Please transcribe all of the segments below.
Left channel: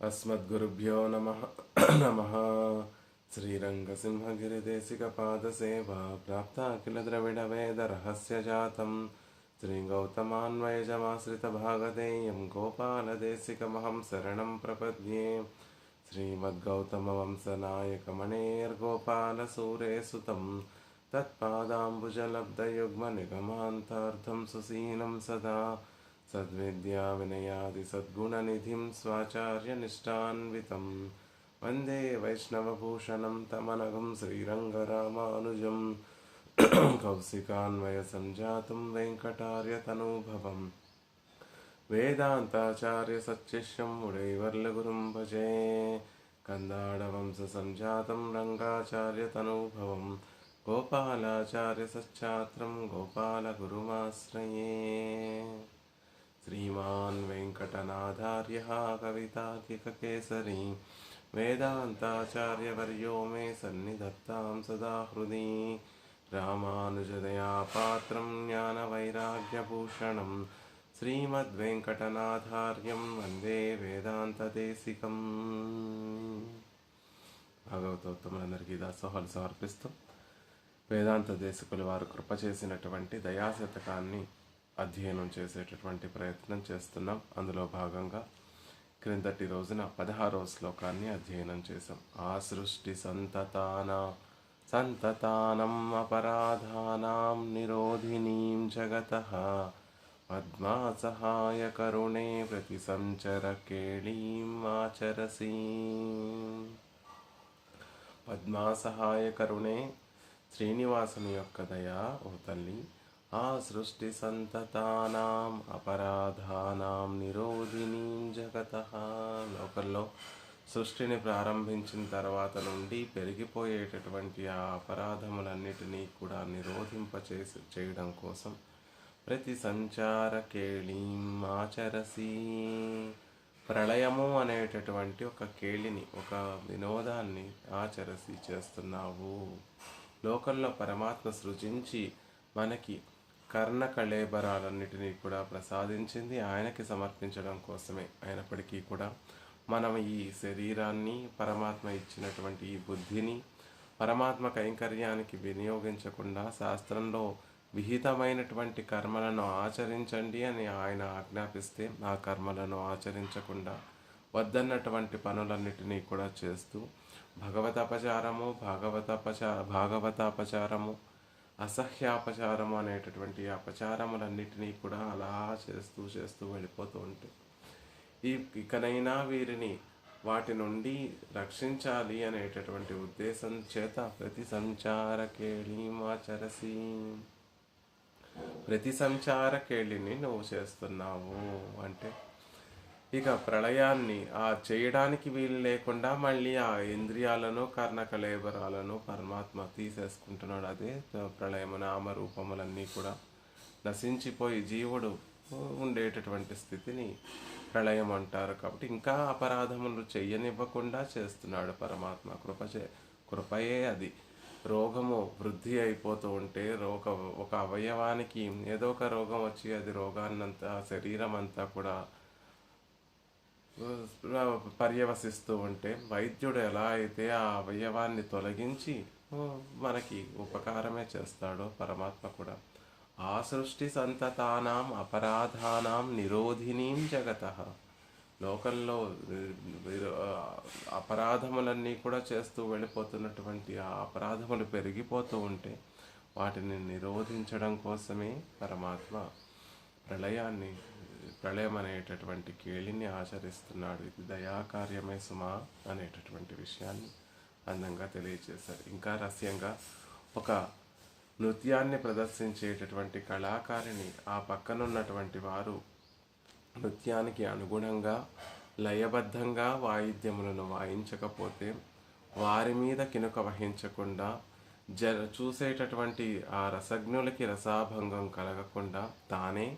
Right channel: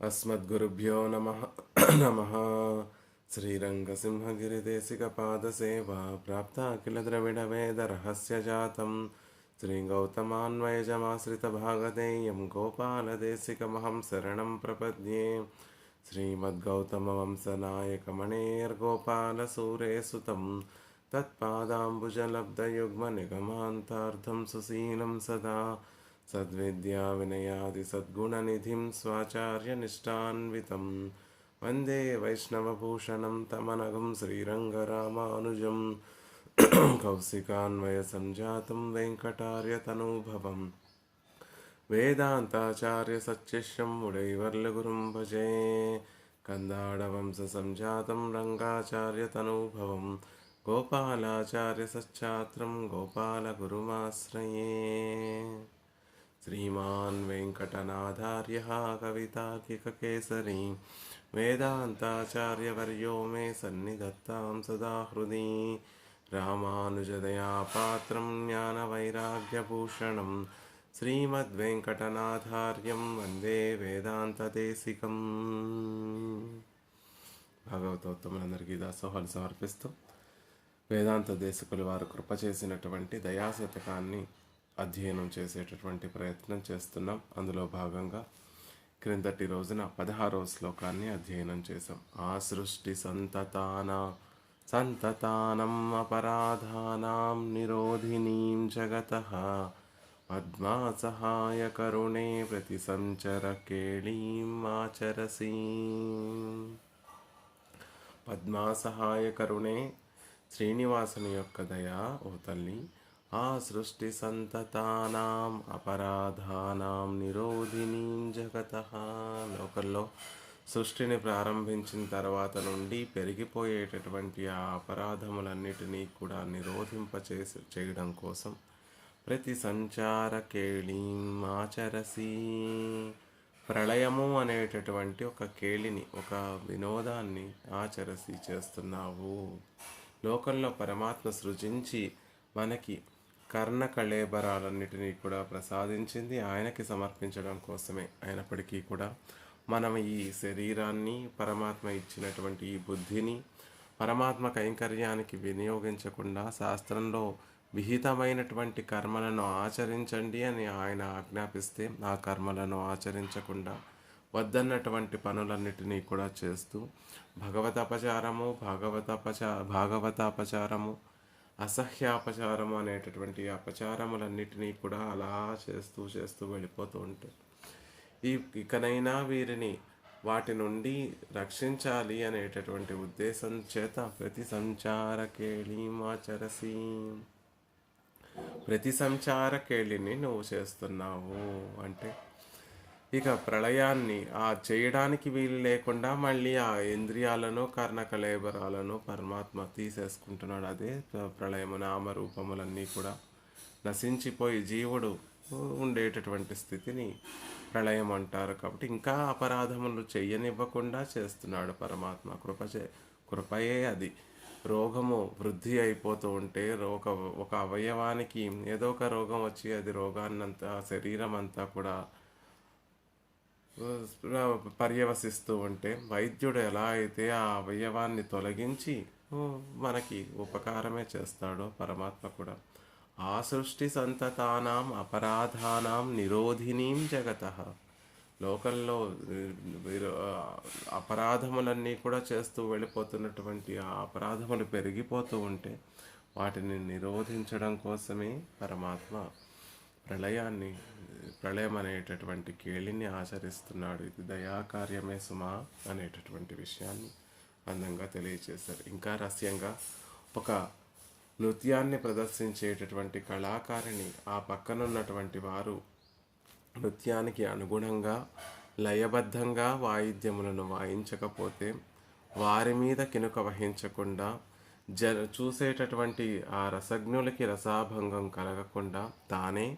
अस्मद्गुरुभ्यो नमः नमः। श्रीरङ्गसिंहगिरिदेशिकपादसेवा प्राप्ता किल द्रविडवेदरहस्यजातं श्रीगौतमान्वयजमाश्रितभागधेयं गोपालदेशिकमहं शरणं प्रपद्ये। श्रीमद्गौतमवंशनायकमणेर्गोपालसूरेसुतं तत्पादाम्बुजलब्धयुग्मनिगमान्तार्धं सुशीलं सदा सद्विद्याविनयादिसद्गुणनिधिं स्वाचार्यनिष्ठान्वितं वन्दे वैष्णवभूषणं तमनघं श्रीरङ्गरामानुजं कौशिकान्वयसञ्जातं वेङ्कटार्यतनूभवं वेदान्ताचार्यसच्शिष्यं मुरैवर्लगुरुं भजे। कन्दाडवंशसञ्जातं रङ्गाचार्यतनूभवं गोपालाचार्यसच्छात्रं गोपालगुरुमाश्रये। श्रीमान् वेङ्कटनाथार्यः कवितार्किककेसरी वेदान्ताचार्यवर्यो मे सन्निधत्तां सदा हृदि। रामानुजदयापात्रं ज्ञानवैराग्यभूषणं श्रीमद्वेङ्कटनाथार्यं वन्दे వేదాంతదేశికం। భాగవతోత్తములందరికీ దాసోహాలు సమర్పిస్తూ వేదాంత దేశికులు వారు కృప చేసినటువంటి దయాశతకాన్ని అధ్యయనం చేసేటటువంటి ప్రయత్నం చేస్తున్నాం. అందులో భాగంగా క్రిందటి రోజున 16వ శ్లోకాన్ని అధ్యయనం చేసాం. ఆ సృష్టి సంతతానం అపరాధానాం నిరోధినీం జగతః పద్మా సహాయ కరుణే ప్రతి సంచర కేళీం ఆచరసి. పద్మా సహాయ కరుణే, శ్రీనివాసుని యొక్క దయా ఓ తల్లి. ఆ సృష్టి సంతతానాం అపరాధానాం నిరోధినీం జగతః, లోకల్లో సృష్టిని ప్రారంభించిన తర్వాత నుండి పెరిగిపోయేటటువంటి ఆ అపరాధములన్నిటినీ కూడా చేయడం కోసం ప్రతి సంచార కేళీం ఆచరసి, ప్రళయము అనేటటువంటి ఒక కేళిని, ఒక వినోదాన్ని ఆచరసి చేస్తున్నావు. లోకంలో పరమాత్మ సృజించి మనకి కర్ణ కళేబరాలన్నిటినీ కూడా ప్రసాదించింది ఆయనకి సమర్పించడం కోసమే. అయినప్పటికీ కూడా మనం ఈ శరీరాన్ని, పరమాత్మ ఇచ్చినటువంటి ఈ బుద్ధిని పరమాత్మ కైంకర్యానికి వినియోగించకుండా శాస్త్రంలో విహితమైనటువంటి కర్మలను ఆచరించండి అని ఆయన ఆజ్ఞాపిస్తే ఆ కర్మలను ఆచరించకుండా వద్దన్నటువంటి పనులన్నిటినీ కూడా చేస్తూ భాగవతాపచారము, అసహ్యాపచారము అనేటటువంటి అపచారములన్నిటినీ కూడా అలా చేస్తూ వెళ్ళిపోతూ ఉంటాయి. ఇకనైనా వీరిని వాటి నుండి రక్షించాలి అనేటటువంటి ఉద్దేశం చేత ప్రతి సంచార కేళీమాచరసి, ప్రతి సంచార కేళిని నువ్వు చేస్తున్నావు అంటే ఇక ప్రళయాన్ని ఆ చేయడానికి వీలు లేకుండా మళ్ళీ ఆ ఇంద్రియాలను, కర్ణకలేబరాలను పరమాత్మ తీసేసుకుంటున్నాడు. అదే ప్రళయము. నామరూపములన్నీ కూడా నశించిపోయి జీవుడు ఉండేటటువంటి స్థితిని ప్రళయం అంటారు. కాబట్టి ఇంకా అపరాధములు చెయ్యనివ్వకుండా చేస్తున్నాడు పరమాత్మ. కృపయే అది. రోగము వృద్ధి అయిపోతూ ఉంటే ఒక అవయవానికి ఏదో ఒక రోగం వచ్చి అది రోగాన్నంతా, శరీరం అంతా కూడా పర్యవసిస్తూ ఉంటే వైద్యుడు ఎలా అయితే ఆ అవయవాన్ని తొలగించి మనకి ఉపకారమే చేస్తాడో పరమాత్మ కూడా. ఆ సృష్టి సంతతానాం అపరాధానాం నిరోధినీం జగతః, లోకంలో అపరాధములన్నీ కూడా చేస్తూ వెళ్ళిపోతున్నటువంటి ఆ అపరాధములు పెరిగిపోతూ ఉంటే వాటిని నిరోధించడం కోసమే పరమాత్మ ప్రళయం అనేటటువంటి కేళిని ఆచరిస్తున్నాడు. ఇది దయాకార్యమే సుమా అనేటటువంటి విషయాన్ని అందంగా తెలియజేశారు. ఇంకా రహస్యంగా ఒక నృత్యాన్ని ప్రదర్శించేటటువంటి కళాకారిణి ఆ పక్కనున్నటువంటి వారు నృత్యానికి అనుగుణంగా లయబద్ధంగా వాయిద్యములను వాయించకపోతే వారి మీద కినుక వహించకుండా చూసేటటువంటి ఆ రసజ్ఞులకి రసాభంగం కలగకుండా తానే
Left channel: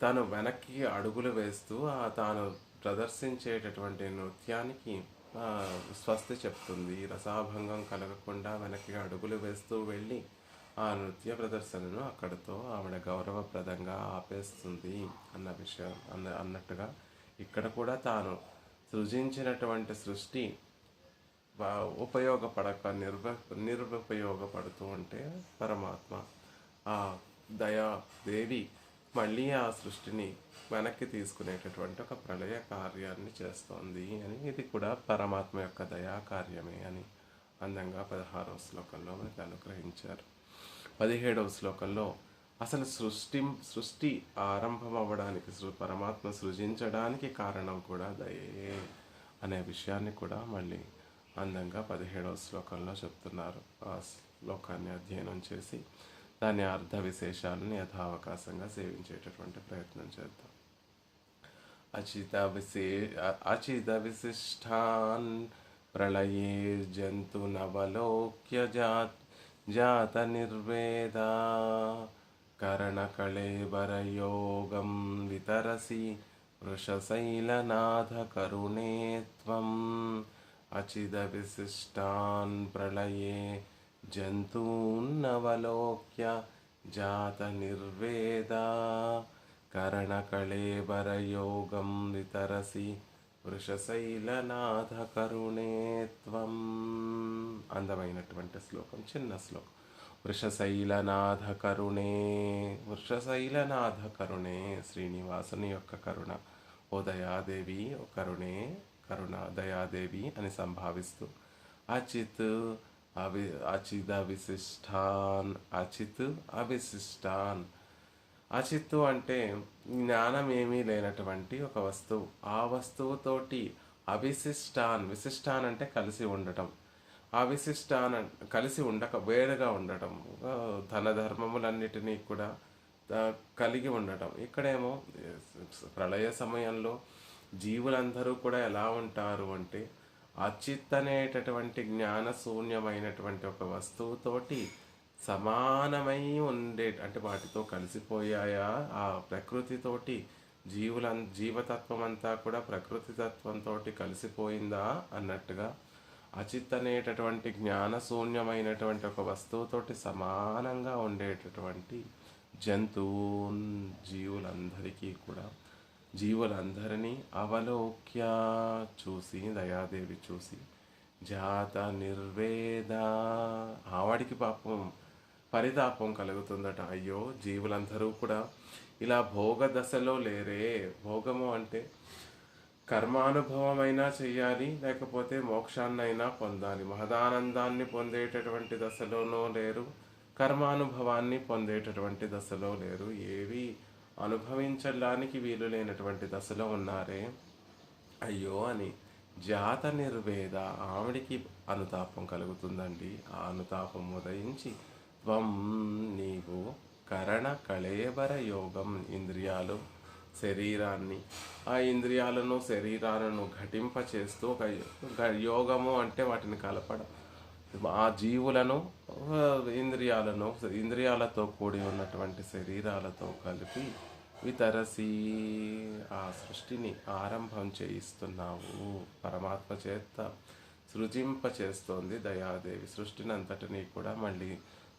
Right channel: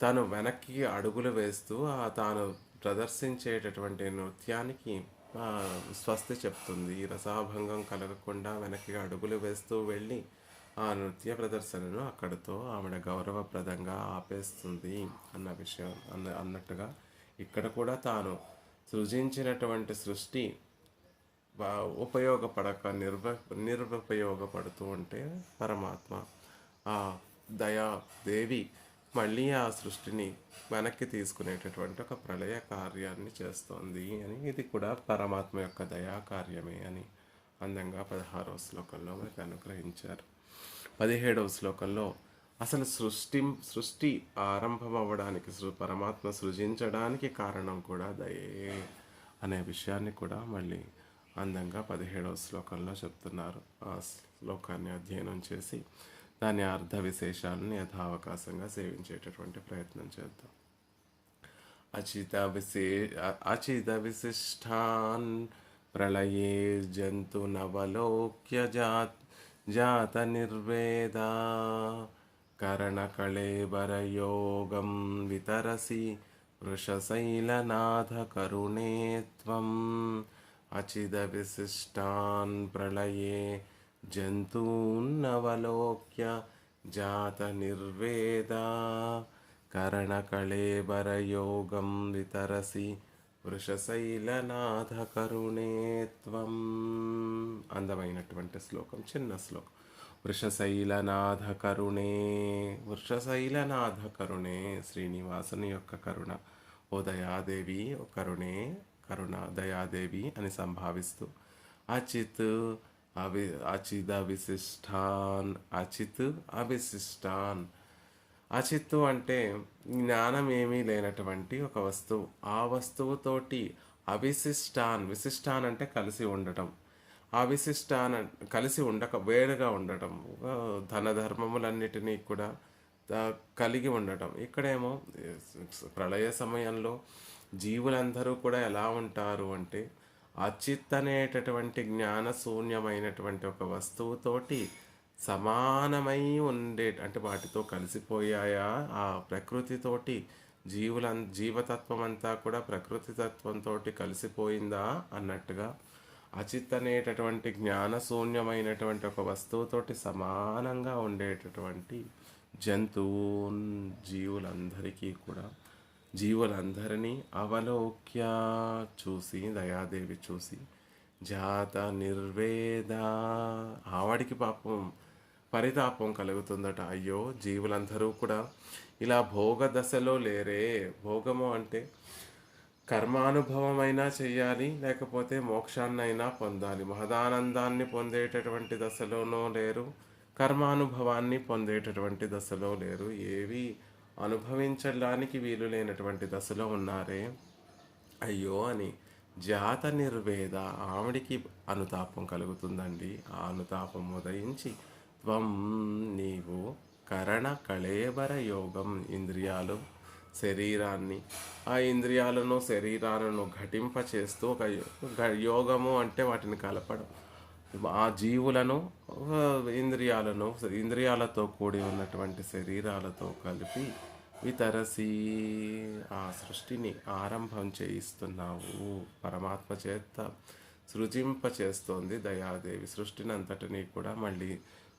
తను వెనక్కి అడుగులు వేస్తూ తాను ప్రదర్శించేటటువంటి నృత్యానికి స్వస్తి చెప్తుంది. రసాభంగం కలగకుండా వెనక్కి అడుగులు వేస్తూ వెళ్ళి ఆ నృత్య ప్రదర్శనను అక్కడితో ఆవిడ గౌరవప్రదంగా ఆపేస్తుంది అన్న విషయం అన్నట్టుగా ఇక్కడ కూడా తాను సృజించినటువంటి సృష్టి ఉపయోగపడక నిరుపయోగపడుతూ ఉంటే పరమాత్మ ఆ దయాదేవి మళ్ళీ ఆ సృష్టిని వెనక్కి తీసుకునేటటువంటి ఒక ప్రళయ కార్యాన్ని చేస్తోంది అని, ఇది కూడా పరమాత్మ యొక్క దయా కార్యమే అని అందంగా 16వ శ్లోకంలో మనకు అనుగ్రహించారు. 17వ శ్లోకంలో అసలు సృష్టి ఆరంభం అవ్వడానికి, పరమాత్మ సృజించడానికి కారణం కూడా దయే అనే విషయాన్ని కూడా మళ్ళీ అందంగా 17వ శ్లోకంలో చెప్తున్నారు. ఆ శ్లోకాన్ని అధ్యయనం చేసి దాని అర్థ విశేషాలను యథావకాశంగా సేవించేటటువంటి ప్రయత్నం చేద్దాం. అచిత విశిష్టాన్ ప్రళయే జంతునవలోక్య జాత నిర్వేదా కరణకళేబరయోగం వితరసి వృషశైలనాథ కరుణే త్వం. అచిద విశిష్టాన్ ప్రళయే జంతూన్నవలోక్య జాత నిర్వేదా కరణకళేబరయోగం వితరసి వృషశైలనాథ కరుణే త్వం. అందమైనటువంటి శ్లోకం, చిన్న శ్లోకం. వృషశైలనాథ కరుణే శ్రీనివాసుని యొక్క కరుణ, ఓ దయాదేవి, ఓ కరుణ దయాదేవి అని సంభావిస్తూ అచిత్ అవిశిష్టాన్. అచిత్తు అంటే జ్ఞానం ఏమీ లేనటువంటి ఒక వస్తువు, ఆ వస్తువుతోటి విశిష్టాన్ అంటే కలిసి ఉండటం, అవిశిష్టాన్ కలిసి వేరుగా ఉండటం, ధర్మములన్నిటినీ కూడా కలిగి ఉండటం. ఇక్కడేమో ప్రళయ సమయంలో జీవులందరూ కూడా ఎలా ఉంటారు అంటే అచిత్ అనేటటువంటి జ్ఞానశూన్యమైనటువంటి ఒక వస్తువుతోటి సమానమై అంటే వాటితో కలిసిపోయాయా, ఆ ప్రకృతితోటి జీవతత్వం అంతా కూడా ప్రకృతి తత్వంతో కలిసిపోయిందా అన్నట్టుగా అచిత్ అనేటటువంటి జ్ఞానశూన్యమైనటువంటి ఒక వస్తువుతోటి సమానంగా ఉండేటటువంటి జీవులందరినీ అవలోక్య చూసి, దయాదేవి చూసి, జాత నిర్వేద ఆవిడికి పరితాపం కలుగుతుందట. అయ్యో, జీవులందరూ కూడా ఇలా భోగ దశలో లేరే. భోగము అంటే కర్మానుభవమైనా చెయ్యాలి, లేకపోతే మోక్షాన్నైనా పొందాలి. మహదానందాన్ని పొందేటటువంటి దశలోనూ లేరు, కర్మానుభవాన్ని పొందేటటువంటి దశలో లేరు. ఏవి అనుభవించడానికి వీలు లేనటువంటి దశలో ఉన్నారే. అయ్యో అని జాత నిర్వేద ఆవిడికి అనుతాపం కలుగుతుందండి. ఆ అనుతాపం ఉదయించి త్వం నీవు కరణ కళేబర యోగం, ఇంద్రియాలు శరీరాన్ని, ఆ ఇంద్రియాలను శరీరాలను ఘటింపచేస్తూ ఒక యోగము అంటే వాటిని కలపడం, ఆ జీవులను ఇంద్రియాలతో కూడి ఉన్నటువంటి శరీరాలతో కలిపి వితరసి ఆ సృష్టిని ఆరంభం చేయిస్తున్నావు. పరమాత్మ చేత సృజింపచేస్తోంది దయాదేవి. సృష్టిని అంతటినీ కూడా మళ్ళీ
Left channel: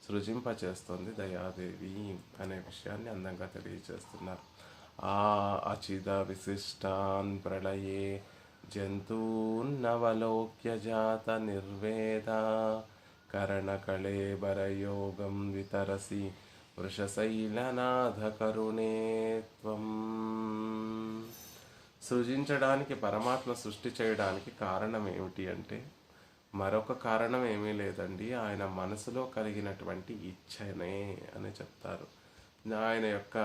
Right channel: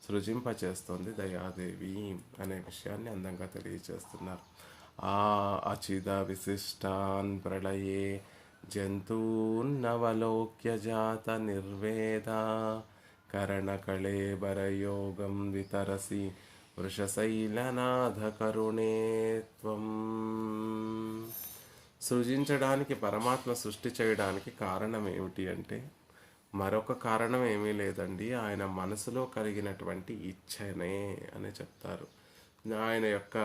సృజింపచేస్తోంది దయాదేవి అనే విషయాన్ని అందంగా తెలియజేస్తున్నారు. ఆ అచిద విశిష్టాన్ ప్రళయే జంతూన్నవలోక్య జాత నిర్వేద కరణకళేబరయోగం వితరసి వృషశైలనాథ కరుణే త్వం. సృజించడానికి, పరమాత్మ సృష్టి చేయడానికి కారణం ఏమిటి అంటే మరొక కారణం ఏమీ లేదండి, ఆయన మనసులో కలిగినటువంటి ఇచ్ఛనే అని చెప్తారు. ఆయన యొక్క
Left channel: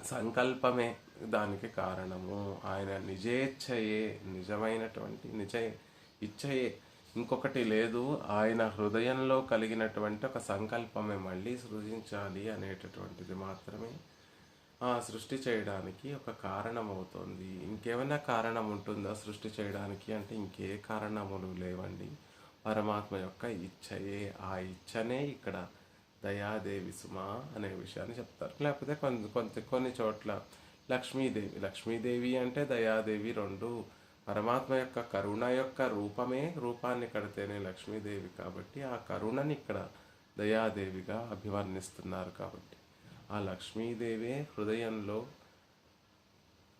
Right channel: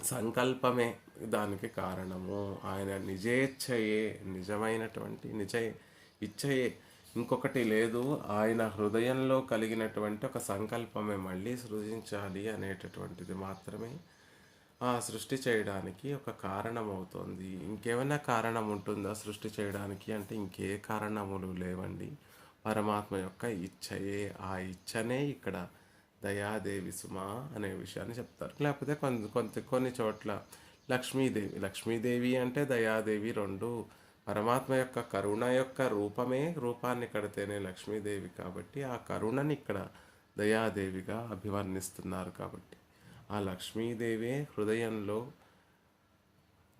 సంకల్పమే దానికి కారణము. ఆయన నిజేచ్ఛయే, నిజమైనటువంటి ఇచ్ఛయే, ఇంకొకటి లేదు. ఆయన హృదయంలో కలిగినటువంటి ఒక సంకల్పమే మళ్ళీ సృజించాలి అనేటటువంటిది మాత్రమే ఆ సృష్టి చేయడానికి ఒక కారణం అవుతుంది. ఇంకేమైనా కారణం ఉంటుందా సృష్టి చేయడానికి అంటే ఇంకే కారణములు లేవండి. పరమాత్మ యొక్క ఇచ్ఛయే, ఆ ఇచ్ఛనే ఇక్కడ దయాదేవి సుమా అనే విషయాన్ని చెప్తారు. లేకపోతే కొన్ని చోట్ల లక్ష్మీదేవి అంటే దయాదేవి రెండు. పరమాత్మ యొక్క కరుణ యొక్క రూపాన్ని కడితేనే లక్ష్మీదేవి, కాబట్టి ఆ కరుణని ఇక్కడ దయాదేవిగా అభివర్ణిస్తున్నారు. కాబట్టి ఆ లక్ష్మీదేవే హృదయంలో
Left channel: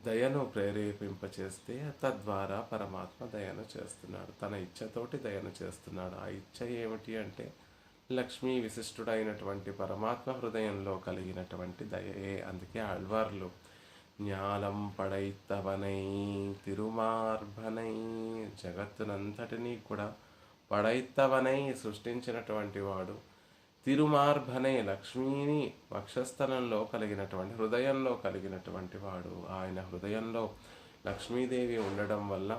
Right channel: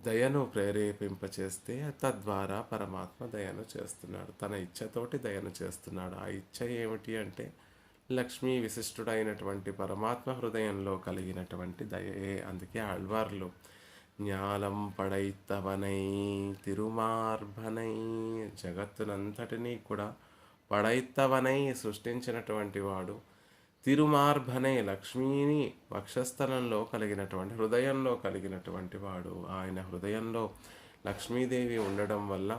దయను ప్రేరేపింపచేస్తే తద్వారా పరమాత్మ దయను చేస్తున్నాడు. తన ఇచ్ఛతోటి దయను చేస్తున్నాడు. ఆ ఇచ్ఛ ఏమిటి అంటే లక్ష్మీ విశిష్టుడైనటువంటి పరమాత్మ హృదయంలో కలిగినటువంటి దయే. అందుకే ఆళ్వార్లు జ్ఞానం పడైత్తవనై తిరుమార్భనై, జగత్తునంతటినీ కూడా పడైత్తవనై సృష్టించినటువంటి వాడు, తిరుమార్భనే లక్ష్మీని వక్షస్థలంలో కలిగినటువంటి హృదయంలో కలిగినటువంటి వాడు. ఆయన హృదయంలో లక్ష్మీదేవి ఉండడం వల్ల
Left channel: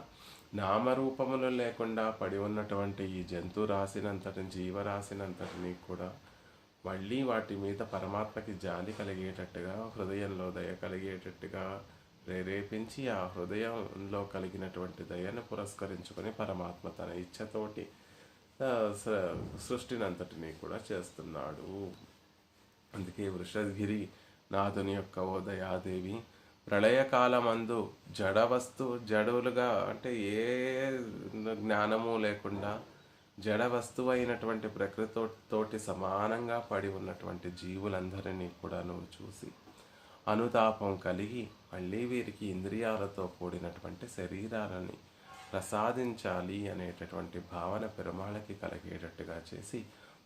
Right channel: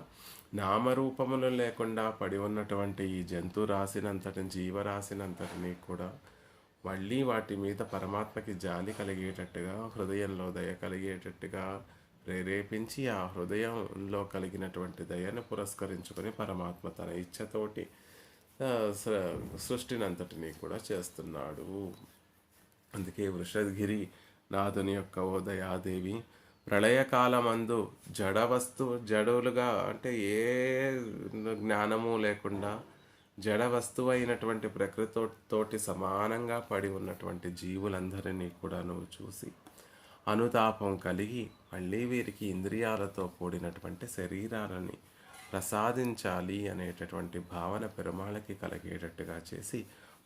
నామరూపములు లేకుండా పడి ఉన్నటువంటి ఈ జంతు రాశినంతటి జీవరాశినంతటినీ కూడా మళ్ళీ వాటి మీద పరమాత్మకి జాలి కలిగేటట్టుగా, హృదయంలో దయ కలిగేటట్టుగా ప్రేరేపించి ఆ హృదయంలో కలిగినటువంటి దయను పురస్కరించుకొని పరమాత్మ తన ఇచ్ఛతోటి సృష్టిని అంతటినీ కూడా చేస్తున్నాడు. అందుకే వృషద్గిరి నాథుని యొక్క ఓ దయాదేవి, ప్రళయకాలమందు జడులుగా అంటే ఏ జ్ఞానము లేకుండా జడ వస్తువు అయినటువంటి ప్రకృతితోటి సమానంగా పడి ఉన్నటువంటి జీవులందరినీ కూడా నువ్వు చూసి అనుతాపం కలిగి మళ్ళీ వీరికి ఇంద్రియాలతో కూడినటువంటి శరీరాలని ప్రసాదించాలి అనేటటువంటి భావన పెరుమాళకి కలిగేటట్టుగా చేసి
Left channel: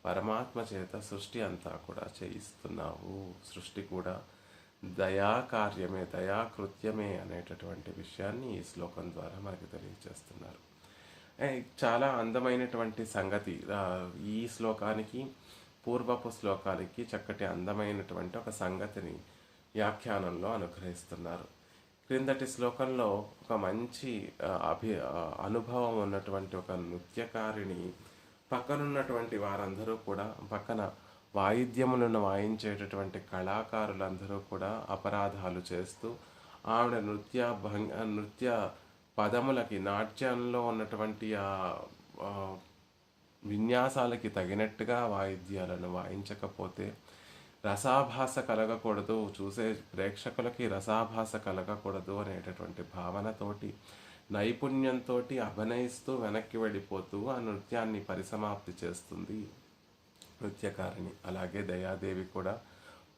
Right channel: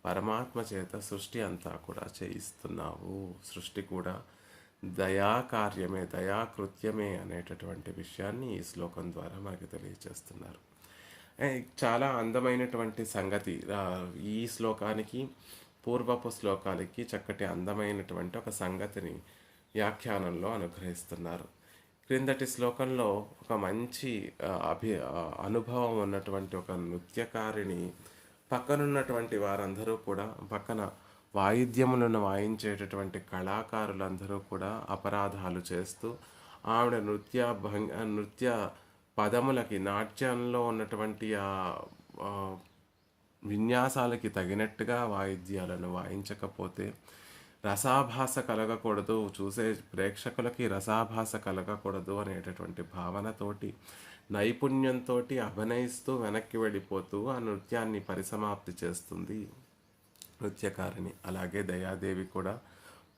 పరమాత్మ చేత సృష్టి అంతా కూడా చేయిస్తున్నావు. సృష్టి కూడా దయాకార్యమే, దయాకృత్యమే అనేటటువంటి విషయాన్ని ఈ శ్లోకం ద్వారా మనకు తెలియజేస్తున్నారు. చాలా అందమైనటువంటి సంగతి ఈ శ్లోకానికి పూర్వపు శ్లోకానికి చక్కటి అందమైనటువంటి ఒక సంగతిని వ్యాఖ్యానంలో అనుగ్రహిస్తున్నారు. క్రిందటి శ్లోకంలో ఒక మంచి అనుభవం ఉన్నటువంటి ఒక నృత్యకారిని పక్కనున్నటువంటి వారందరూ కూడా, పక్కన వాయిద్యములను వాయించేటటువంటి కళాకారులందరూ కూడా అపరాధాలు చేస్తూ ఆవిడ నృత్య పదములకి, నాట్యంలో ఉన్నటువంటి ఆ విన్యాసాలకి తగినట్టుగా వాయిద్యాలను వాయించకపోతే రసాభాస కలగకూడదు, చూసే ప్రేక్షకులకి రసాభాస కలగకూడదు అనేటటువంటి భావనతోటి నైపుణ్యంతో అభినయిస్తూ వెనక్కి వెళ్ళిపోతూ ఆ నృత్యాన్ని పరిసమాప్తి చేస్తుంది నృత్యకారిణి. అలాగే దయాదేవి కూడా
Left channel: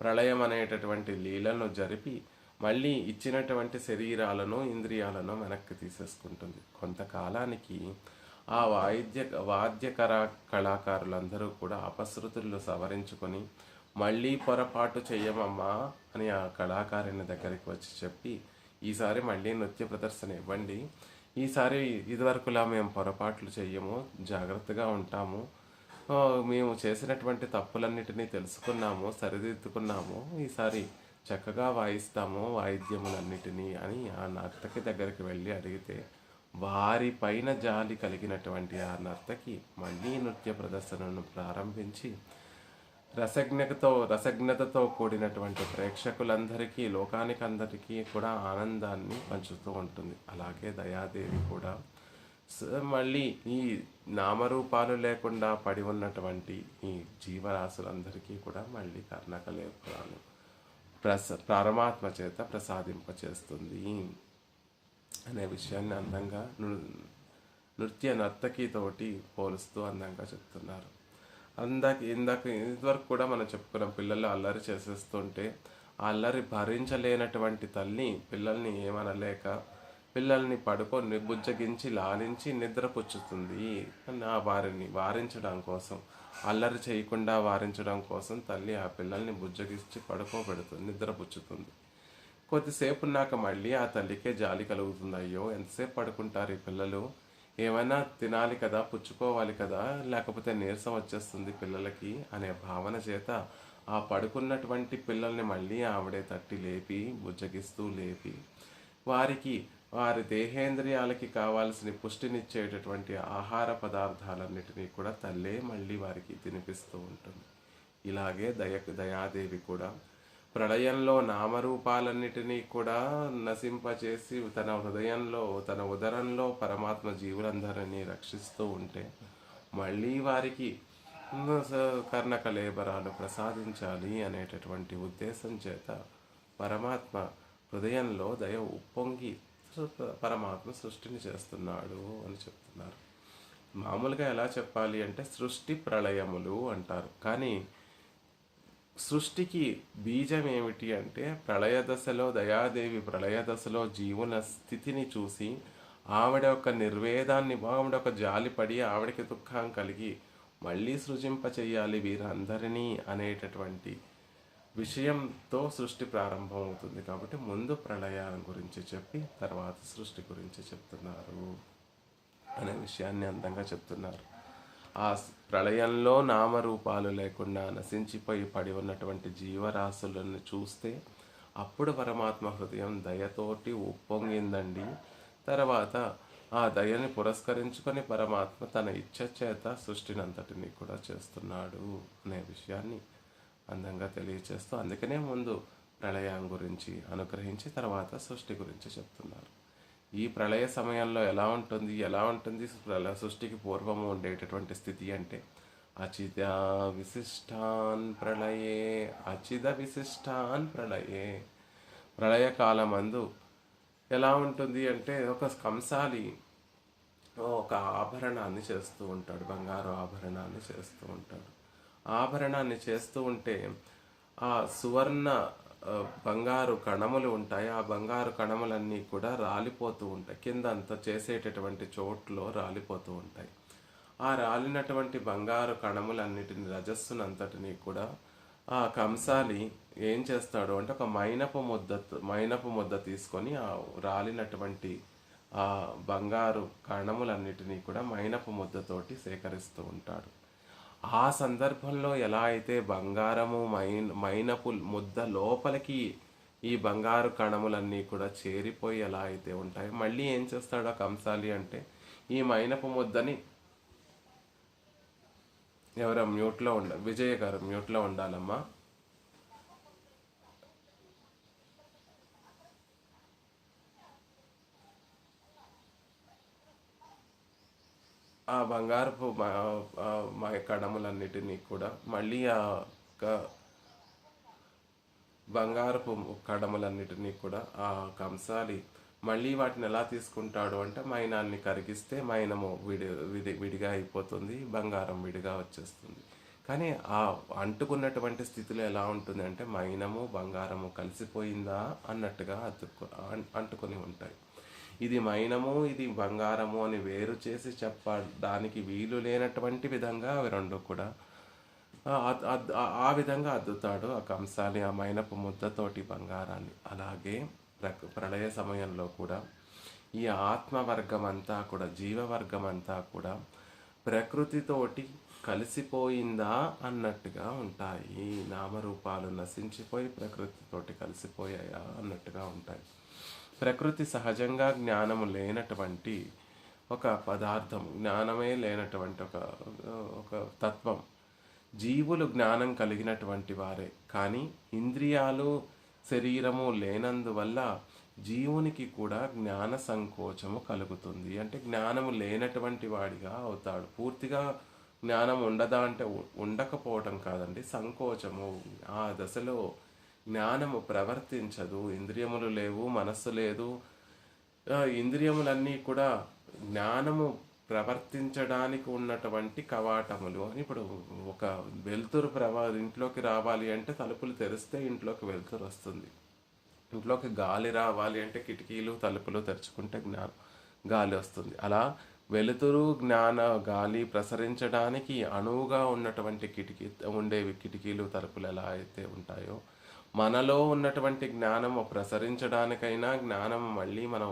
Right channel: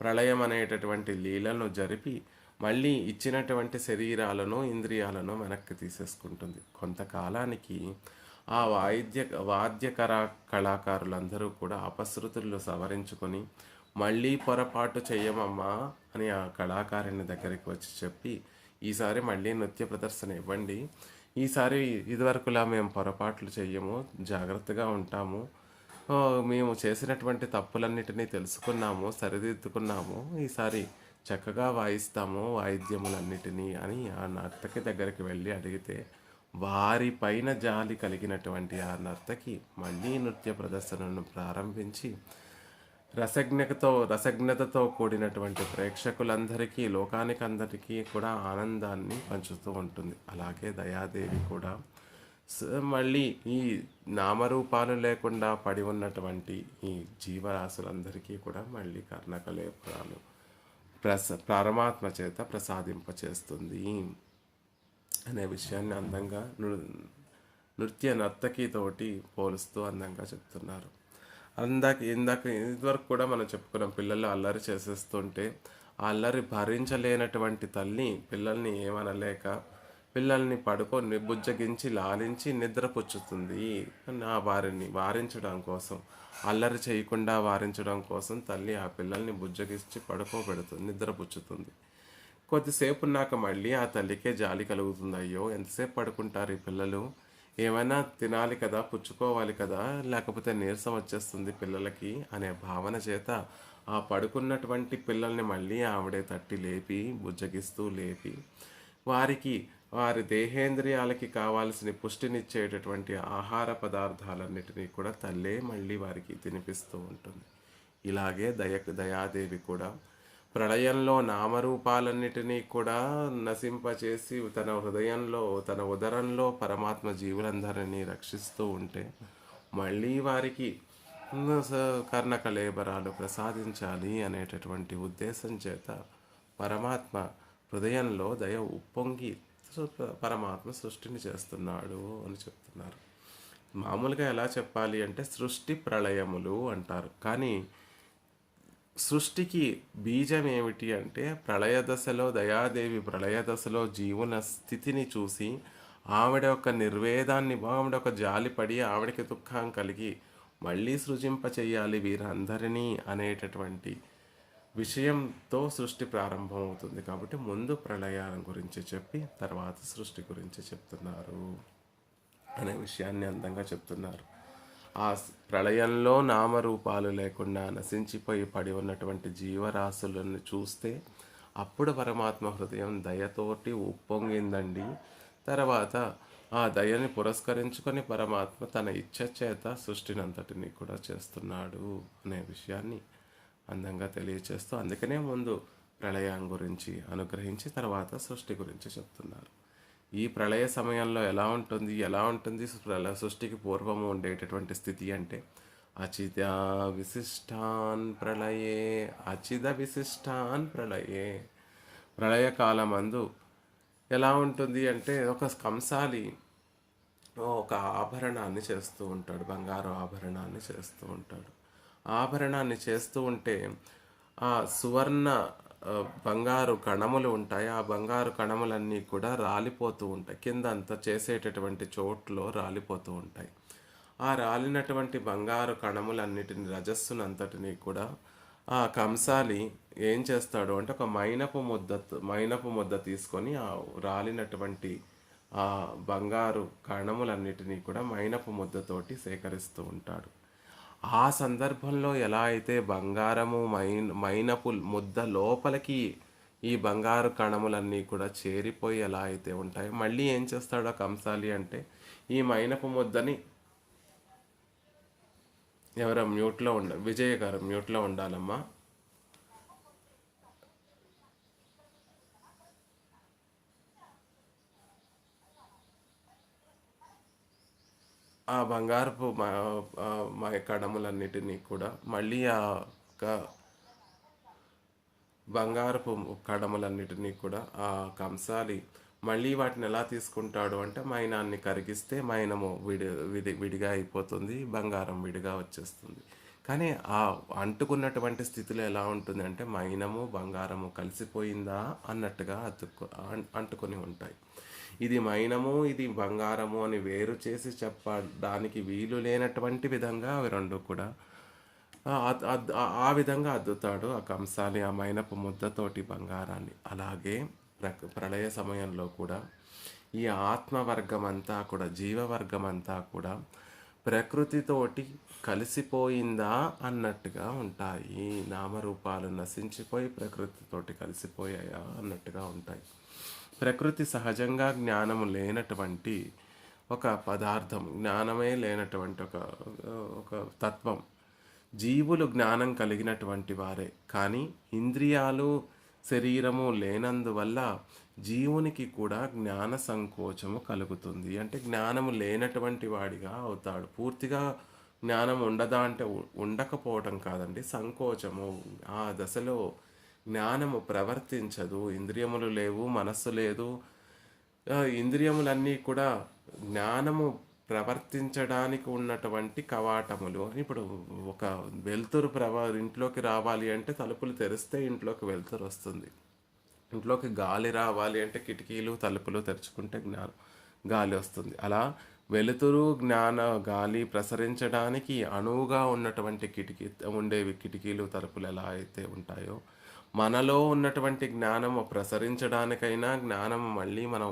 ప్రళయం అనేటటువంటి లీలను జరిపి మళ్ళీ ఇచ్చినటువంటి శరీరాలను ఇంద్రియాలను వెనక్కి తీసేసుకుంటుంది. కొంతకాలానికి ఆ వాద్యకర కళాకారులందరూ కూడా అపశృతులు సవరించుకొని మళ్ళీ పొరపాటు చెయ్యమమ్మా అని ఆ కళాకారుని దగ్గరికి వచ్చి చెప్పి, ఈసారి మళ్ళీ నృత్య ప్రదర్శన ఇవ్వండి, ఈసారి ఇదివరకులా మేము పొరపాట్లు చెయ్యము, జాగ్రత్తగా ఉంటాము, మేము చేసినటువంటి తప్పులన్నిటినీ తెలుసుకున్నాము, సరిదిద్దుకున్నాము, ఈసారి చక్కగా వాయిస్తాము వాయిద్యములన్నిటినీ అని ఆ నర్తకి దగ్గరికి వెళ్ళి అడిగితే, వారి పైన జాలి కలిగినటువంటి ఆ నర్తకి మళ్ళీ నృత్య ప్రదర్శనను ప్రారంభించి రసజ్ఞతతో కూడినటువంటి ప్రేక్షకులందరికీ, లోకానికందరికీ కూడా ఆనందాన్ని పంచుతూ ఉంటుంది. అలాగే దయాదేవి కూడా మళ్ళీ ఈ నామరూపాలు లేకుండా పడి ఉన్నటువంటి ఈ జీవరాశులందరికీ కూడా మళ్ళీ కర్ణకలేపరాలు పరమాత్మ చేత ప్రసాదింపచేస్తుంది అనే విషయాన్ని అందంగా నృత్య నర్తకితోటి పోలుస్తూ అందంగా చెప్తున్నారు. ఇదివరకు కూడా మనం చెప్పుకున్నాం, పిల్లలు అల్లరి చేసేస్తుంటే ఆ అల్లరి భరించలేనటువంటి తల్లి పిల్లల్ని ఏమనలేక పిల్లల్ని పడుకొని బుజ్జగించి లాలించి నిద్రపుచ్చుతుంది. వారిని వారించడం కోసం, అల్లరి చేయకుండా వారించడం కోసం తల్లి ఆ పిల్లల్ని బుజ్జగించి పడుకోబెడుతుంది, నిద్రపుచ్చుతుంది. కొద్దిసేపు ఉన్నాక మళ్ళీ ఆ తల్లికే జాలి కలుగుతుంది. అయ్యో ఎంతసేపు పడుకుంటారు ఈ పిల్లలు, ఏమైనా తినాలి కదా, పుచ్చుకోవాలి కదా, లేకపోతే నీరసం వచ్చేస్తుంది పిల్లలకి అనే భావన చేత ఆ పడుకున్నటువంటి పిల్లల్ని మళ్ళీ ఆవిడే తట్టి లేపి బుజ్జగిస్తూ లేపి వారి దేహేంద్రియాలకి కావాల్సిన పుష్టినిచ్చేటటువంటి ఆహార పదార్థాలన్నిటినీ కూడా తల్లే మళ్ళీ వారికి తినిపిస్తూ ఉంటుంది. ఇలాగే దయాదేవి కూడా ప్రళయంలో నామరూపాలన్నిటినీ కూడా నశింపచేసి తన హృదయంలో, తన ఉదరంలో పరమాత్మ జీవులందరినీ రక్షిస్తూ ఉంటే మళ్ళీ వారికి కర్ణకలేబరాలు ప్రసాదించాలి అనేటటువంటి ఉద్దేశం చేత పరమాత్మ హృదయంలో దయ ఉప్పొంగి పరమాత్మ సృష్టిని చేస్తున్నాడు అని చెప్తున్నారు. మామూలుగా ఎలా చెప్పాలి అంటే సృష్టి ప్రళయములు అంటారు, కానీ సృష్టికి బీజం ఏమిటి అంటే ప్రళయ దశలో దయాదేవి ప్రళయ దశలో జీవుల స్థితిని చూసి ఆవిడ యొక్క నిర్వేదాన్ని ఆవిడ ఒక జాలిపడి ఆవిడకి దుఃఖం కలిగి మళ్ళీ సృజింప చెయ్యాలి వీరందరినీ అనేటటువంటి విషయంతో సృష్టి ప్రారంభమవుతుంది. కాబట్టి ముందు ప్రళయాల గురించి చెప్పి తర్వాత సృష్టి గురించి చెప్తున్నారు అనే విషయాన్ని అందంగా చెప్తున్నారు. ఆ ప్రళయంలో నామరూపాలు లేకుండా నశించిపోయి పడి ఉన్నటువంటి జీవరాశులను చూస్తే అప్పుడు పరమాత్మ హృదయం దయతోటి ఉప్పొంగిందండి. తర్వాత ఆ దయని పురస్కరించుకొని పరమాత్మ తన ఇచ్ఛ చేత సృష్టినంతటిని కూడా చేస్తున్నాడు అనే విషయాన్ని అందంగా తెలియచేస్తూ అందుకనే ముందు ప్రళయం గురించి అనుగ్రహించి తర్వాత సృష్టి గురించి చెప్తున్నారు. ఈ ప్రళయ సమయంలో ఎలా ఉంటుంది సృష్టికి పూర్వము ఉండేటటువంటి స్థితి అంటే అచిద విశిష్టాన్ ప్రళయే అచిద విశిష్టాన్ ప్రళయే. ప్రళయకాలమందు ఎలా ఉంటుంది అంటే ఒక కంసాలి ఒక ఆభరణాన్ని చేస్తూ ఉంటాడు, బంగారు ఆభరణాన్ని చేస్తూ ఉంటాడు. ఆభరణాన్ని చేస్తూ ఉంటే ఆ సువర్ణ బంగారు కణములు ఉంటాయి. ఆ బంగారు కణములన్నీ కూడా రాలిపోతూ ఉంటాయి, కింద అంతా చేసేటటువంటి చోట్లో రాలిపోతూ ఉంటాయి. ఆ రాలినటువంటి బంగారు కణములన్నిటిని రజస్సునంతటినీ కూడా ఆ కంసాలి ఏం చేస్తాడు అంటే ఒక మైనపు ముద్ద తీసుకొని ఆ రాలినటువంటి ఆ బంగారు కణములన్నిటినీ కూడా మైనపు ముద్దతోటి సేకరిస్తూ ఉంటాడు. ఆ సందర్భంలో ఎలా అయితే బంగారము మైనపు ముద్ద లోపలికి ఈ బంగారు కణములన్నీ కూడా చేరిపోయి ఎలా అయితే ఉంటాయి, మళ్ళీ ఏం చేస్తాడో కంసాలి అంటే ఈ మైనపు ముద్దని ఎవరో మ్యూట్లో విజయ్ గారు మ్యూట్లో ఉండాలమ్మా. ఆ బంగారపు కణములన్నిటినీ కూడా మళ్ళీ బంగారపు కడములన్నిటినీ కూడా ఆ కంసాలి మళ్ళీ వాటిని ఎలా తీసుకుంటాడు అంటే మైనాన్ని కరిగిస్తే మైనము విడిగా అయిపోతుంది, బంగారం విడిగా వచ్చేస్తుంది. కానీ ఆ అంటుకున్నటువంటి స్థితిలో ఎలా ఉంటుంది అంటే మైనము బంగారము కలిసిపోయిందా అన్నట్టుగా అంటుకొని ఉంటాయి. ఇది మైనము ఇది బంగారము అని వేరు చేసి చెప్పడానికి వీలు లేనటువంటి విధంగా అవి రెండు కూడా ఆ విధంగా అద్దుతాడు ఆ కంసాలి ఆ మైనపు ముద్దతోటి బంగారాన్ని. అలాగే ప్రళయ సమయంలో కూడా ఈ ఆత్మవర్గం అంతా కూడా జీవవర్గం అంతా కూడా ప్రకృతితోటి కలిసిపోయిందా అన్నట్టుగా ఉంటాయి. నామరూపాలు నశించిపోయి ప్రకృతితోటి కలిసిపోయాయా అన్నట్టుగా ఉంటాయి. ప్రకృతి సహజంగా జ్ఞానము లేనటువంటి ఒక పదార్థం, జ్ఞానమే లేనటువంటి ఒక తత్వం. జీవులు జ్ఞానం కలిగినటువంటి వారే, కానీ ఇంద్రియాలు శరీరము లేనందువల్ల జీవునికి కూడా జ్ఞాన సంకోచము కలుగుతుంది. అంటే జ్ఞానము లేనటువంటి వాడిగా అవుతాడు. పూర్తిగా జ్ఞానం ఉండదా అంటే ఉండకపోవటం కాదండి, సంకోచము. ఆ దశలో జ్ఞానము ప్రవర్తించదు. ఇంద్రియములు లేవు, మనస్సు లేదు. ఇంద్రియములన్నీ కూడా జ్ఞానము ప్రవర్తించడానికి ఉన్నటువంటి కవాటములు. ఇప్పుడు ఒక వెలుతురు ఇంట్లోకి రావాలి అంటే తలుపులు తెరిస్తే ఇంట్లోకి వెలుతురు వస్తుంది. ఇంట్లోకి గాలి రావాలి అంటే కిటికీలు తలుపులు తెరుచుకుంటే గాలి వస్తుంది. అలా వెలుతురు గాలి ప్రసరించడానికి అనువుగా ఉన్నటువంటి కిటికీలు తలుపులు ఎలా అయితే ఉంటాయో, మనలో ఉన్నటువంటి జ్ఞానము ప్రసరించడానికైనా జ్ఞానము మళ్ళీ మనం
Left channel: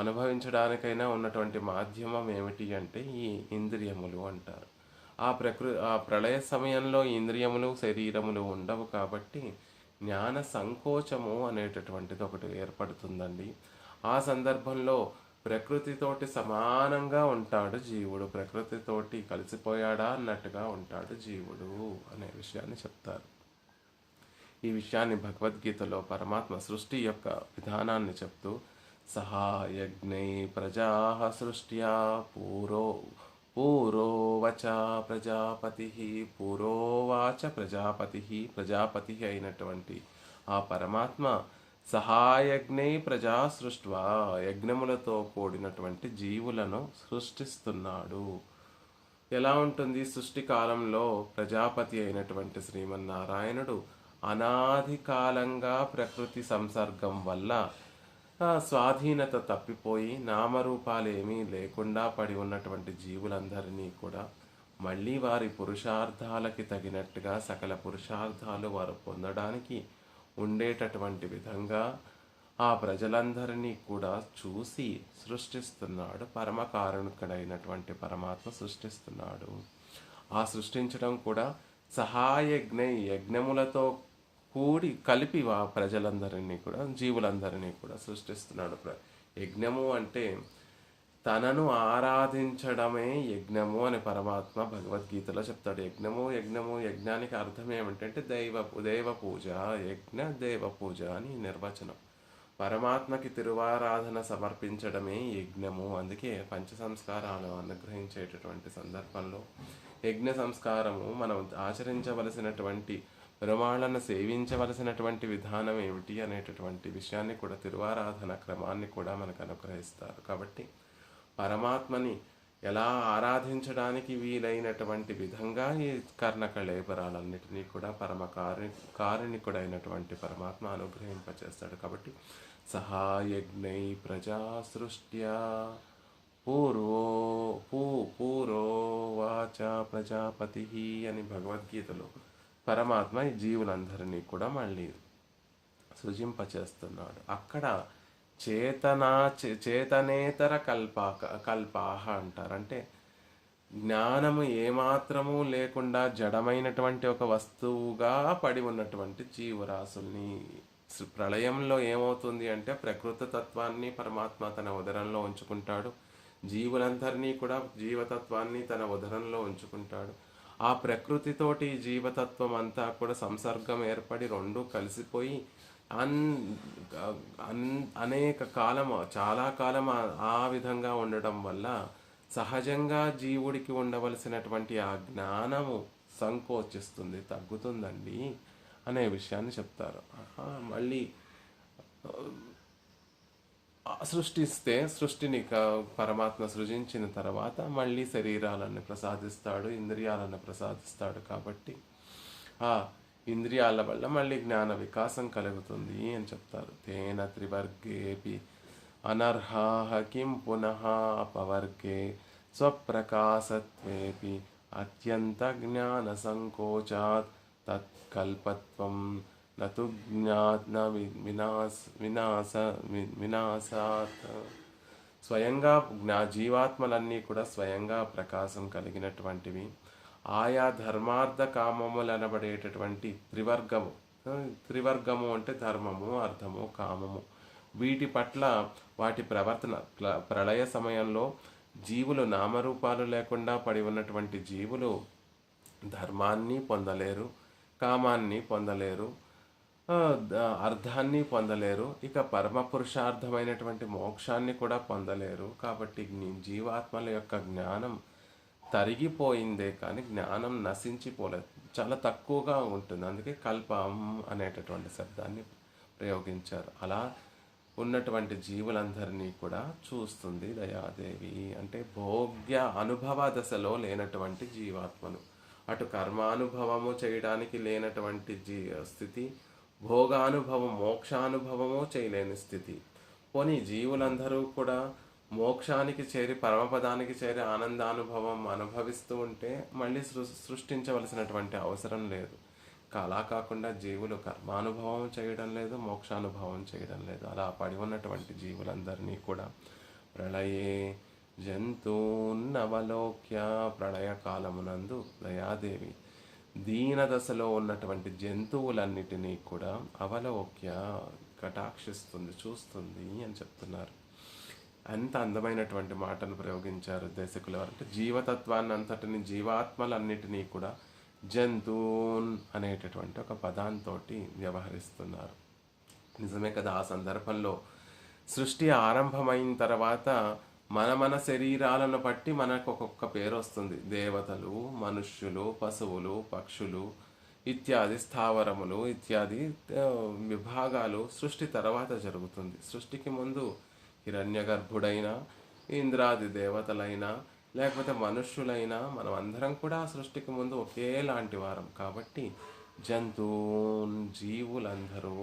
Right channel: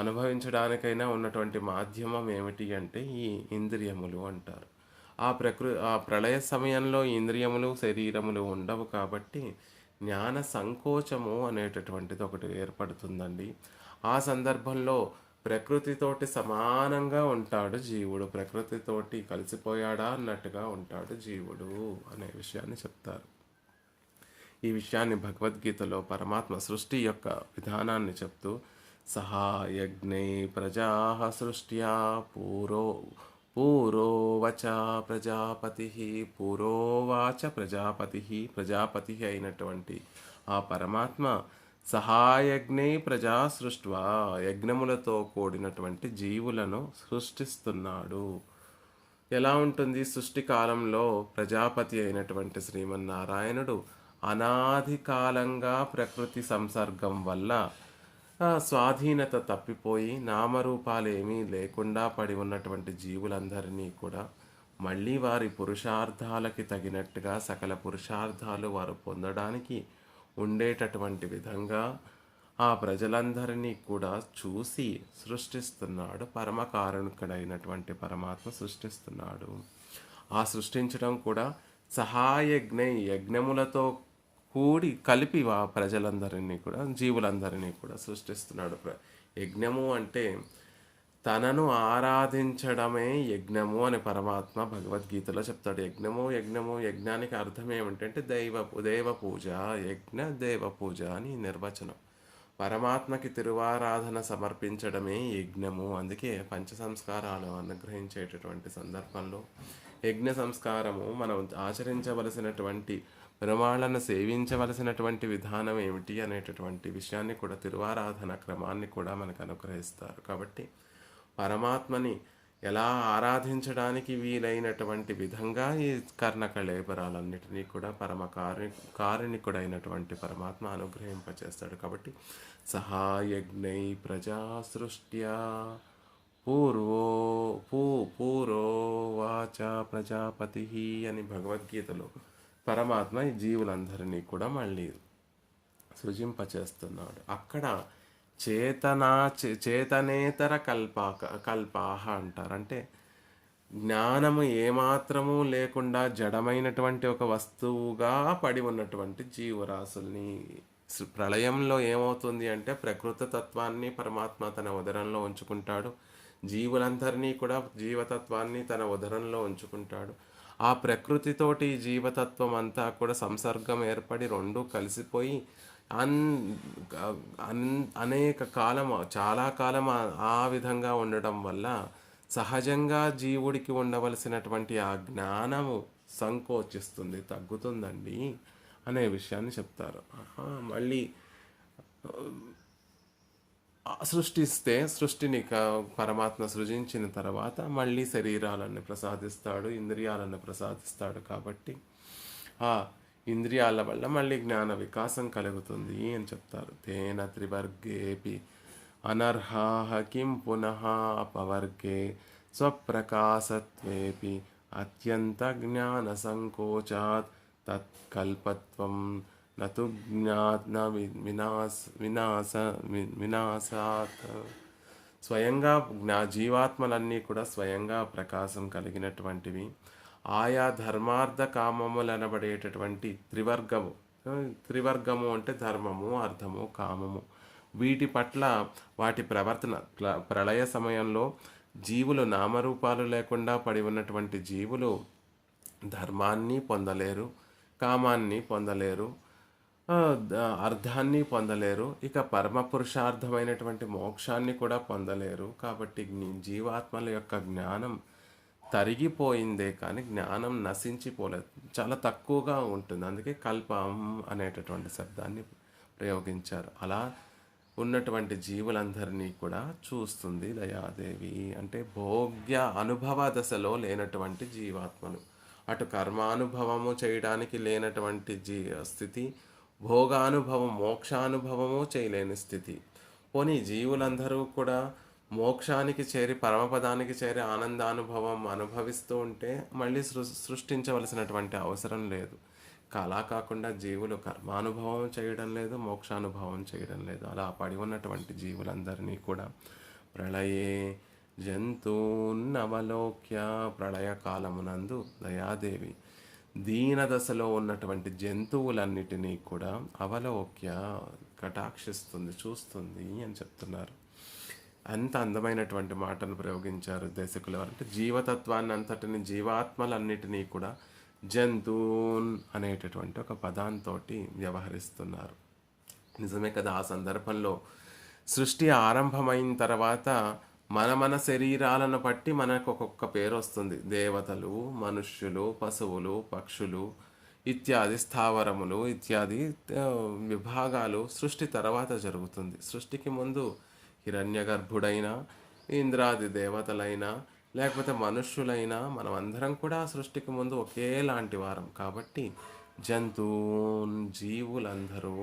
అనుభవించడానికైనా ఉన్నటువంటి మాధ్యమం ఏమిటి అంటే ఈ ఇంద్రియములు అంటారు. ఆ ప్రళయ సమయంలో ఇంద్రియములు శరీరములు ఉండవు కాబట్టి జ్ఞాన సంకోచము అనేటటువంటిది ఒకటి ఏర్పడుతుందండి. ఆ సందర్భంలో ప్రకృతితోటి సమానంగా ఉంటాడు జీవుడు, ప్రకృతితోటి కలిసిపోయాడా అన్నట్టుగా ఉంటాడు జీవుడు అనే విషయాన్ని చెప్తారు. ఈ విషయాన్ని భగవద్గీతలో పరమాత్మ సృష్టి యొక్క విధానాన్ని చెప్తూ సహాయజ్ఞై ప్రజా సృష్ట్యా పూరోవాచ ప్రజాపతి అయినటువంటి ఆ పరమాత్మ సహాయజ్ఞై ప్రజా సృష్ట్వా యజ్ఞములతో కూడినటువంటి జీవులను సృష్టిస్తున్నాడు. ఎలా ఉంటుంది? సృష్టి కాలంలో ప్రజాపతి అయినటువంటి శ్రీమన్నారాయణుడు అనాది కాలంగా ప్రకృతి సంసర్గం వల్ల స్వాధీనత తప్పిపోయి నామరూపాలు ఏమీ లేకుండా పడి ఉన్నటువంటి జీవులందరినీ కూడా మళ్ళీ వారి పురుషార్థాలకి తగినట్టుగా సకల పురుషార్థాలు వారు పొందడానికి ఉండేటటువంటి విధంగా ఆ ప్రజలందరినీ కూడా చూసి సృష్టిస్తున్నాడు. పరమకారుణికుడైనటువంటి పరమాత్మ సృష్టిస్తున్నాడు. ఆ సృష్టించడం కూడా సహాయజ్ఞై, యజ్ఞములతో కూడి కలిపి ఆ ప్రజలందరినీ కూడా జీవులందరినీ కూడా సృష్టిస్తున్నాడు. యజ్ఞము అంటే తనను ఆరాధించడమే యజ్ఞము అని పరమాత్మ భగవద్గీతలో చెప్తాడు. యజ్ఞానికి అర్థం ఏమిటంటే దైవ పూజ, యజ్ఞ దేవ పూజ అని నిర్వచనం. పరమాత్మకి తిరువారాధన సమర్పించడమే యజ్ఞము. అందుకే పంచ సంస్కారాలు అనుగ్రహించేటటువంటి సందర్భంలో యజ్ఞ సంస్కారము మనం ఆచరించవలసినటువంటి పెరుమాళ్ళను సేవించవలసినటువంటి విధానం ఏమిటి అనేటటువంటి విషయాన్ని కూడా తిరువారాధన క్రమాన్ని కూడా మనకు అనుగ్రహిస్తారు. కాబట్టి పరమాత్మని ఎలా ఆరాధించడానికి వీలైనటువంటి విధంగా ఈ కర్ణకళేబరాలన్నిటినీ కూడా కారుణికుడైనటువంటి పరమాత్మ అనుగ్రహింపచేస్తాడు. కాబట్టి సహాయజ్ఞై ప్రజా సృష్ట్యా పూరోవాచ ప్రజాపతి అని భగవద్గీతలో పరమాత్మ ఈ జీవులందరినీ కూడా మళ్ళీ సృజింపచేస్తున్నాడు. అక్కడ చేతనేతర కల్పాహ అంటారు. అంటే జ్ఞానము ఏమాత్రము లేకుండా జడమైనటువంటి ఒక వస్తువుగా పడి ఉన్నటువంటి జీవరాశుల్ని ప్రళయంలో ఏమవుతుంది అంటే ప్రకృతి తత్వాన్ని పరమాత్మ తన ఉదరంలో ఉంచుకుంటాడు. జీవులందరినీ కూడా జీవతత్వాన్ని తన ఉదరంలో ఉంచుకుంటాడు. ఆ ప్రకృతితోటి జీవతత్వం అంతా కూడా సంసర్గం ఏర్పడి రెండు కలిసిపోయి అనేక కాలం, చాలా కాలం ఆ విధంగా ఉండడం వల్ల సహజంగా జీవుడికి ఉండవలసినటువంటి ఆ జ్ఞానము సంకోచిస్తుంది, తగ్గుతుందండి అనే విషయాన్ని చెప్తారు. మళ్ళీ సృష్టిని పరమాత్మ సృజించిన తర్వాత మళ్ళీ శరీరాలను ప్రసాదిస్తాడు, ఇంద్రియాలను ప్రసాదిస్తాడు. కాబట్టి ఆ ఇంద్రియాల వల్ల మళ్ళీ జ్ఞాన వికాసం కలుగుతుంది అని చెప్తారు. తేన త్రివర్గేపి అనర్హాః కిం పునః అపవర్గే స్వప్రకాశత్వేపి అత్యంత జ్ఞాన సంకోచాత్ తత్కల్పత్వం నతు జ్ఞాన వినాశాత్. స్వయంగా జీవాత్మలన్నీ కూడా స్వయంగా ప్రకాశం కలిగినటువంటివి. ఆయా ధర్మార్థ కామములు అనబడేటటువంటి త్రివర్గము అంటే ధర్మము, అర్థము, కామము. వీటి పట్ల వాటి ప్రవర్తన ప్రళయ సమయంలో జీవులు నామరూపాలు లేకుండా పడి ఉన్నటువంటి జీవులు ధర్మాన్ని పొందలేరు, కామాన్ని పొందలేరు, అర్థాన్ని పొందలేరు, ఇక పరమ పురుషార్థమైనటువంటి మోక్షాన్ని కూడా పొందలేరు. కాబట్టి జీవాత్మల యొక్క జ్ఞానం తరిగిపోయిందే కానీ జ్ఞానం నశించిపోలేదు, చాలా తక్కువగా ఉంటుంది. అందుకే కల్పం అనేటటువంటి శబ్దాన్ని ప్రయోగించారు. అలా ఉన్నటువంటి జీవులందరినీ కూడా చూస్తుంది దయాదేవి. అంటే భోగ్య అనుభవ దశలో లేనటువంటి జీవాత్మలు, అటు కర్మానుభవము చేయడానికి లేనటువంటి స్థితి, భోగానుభవం మోక్షానుభవము చేయలేని స్థితి. పోనీ జీవులందరూ కూడా మోక్షానికి చేరి పరమపదానికి చేరి ఆనందానుభవం అనుభవిస్తూ ఉంటే మళ్ళీ సృష్టించవలసినటువంటి అవసరం లేదు. అలా కాకుండా జీవులు కర్మానుభవం చేయడం లేదు, మోక్షానుభవం చేయడం లేదు. అలా పడి ఉన్నటువంటి జీవులందరినీ కూడా ప్రళయే జంతూన్నవలోక్య, ప్రళయ కాలమునందు దయాదేవి దీన దశలో ఉన్నటువంటి జంతువులన్నిటినీ కూడా అవలోక్య కటాక్షిస్తుంది, చూస్తుంది అని చెప్తున్నారు. అంత అందమైనటువంటి మాటను ప్రయోగించారు దేశకులు. అంటే జీవతత్వాన్ని అంతటిని, జీవాత్మలన్నిటినీ కూడా జంతూన్ అనేటటువంటి ఒక పదాంతో వ్యవహరిస్తున్నారు. నిజమే కదా. ఆ సందర్భంలో సృష్టి ఆరంభమైన తర్వాత మన శరీరాలను బట్టి మనకు ఒక్కొక్క పేరు వస్తుంది. దేవతలు, మనుష్యులు, పశువులు, పక్షులు ఇత్యాది, స్థావరములు ఇత్యాది విభాగాలు సృష్టి తర్వాత జరుగుతుంది. సృష్టికి ముందు హిరణ్యగర్భుడైనా, ఇంద్రాది దేవతలైనా, లేకపోతే మనుష్యులైనా మనం అందరం కూడా సృష్టికి ముందు ఒకేలాంటి వారం. కాబట్టి జంతువున్ జీవులందరూ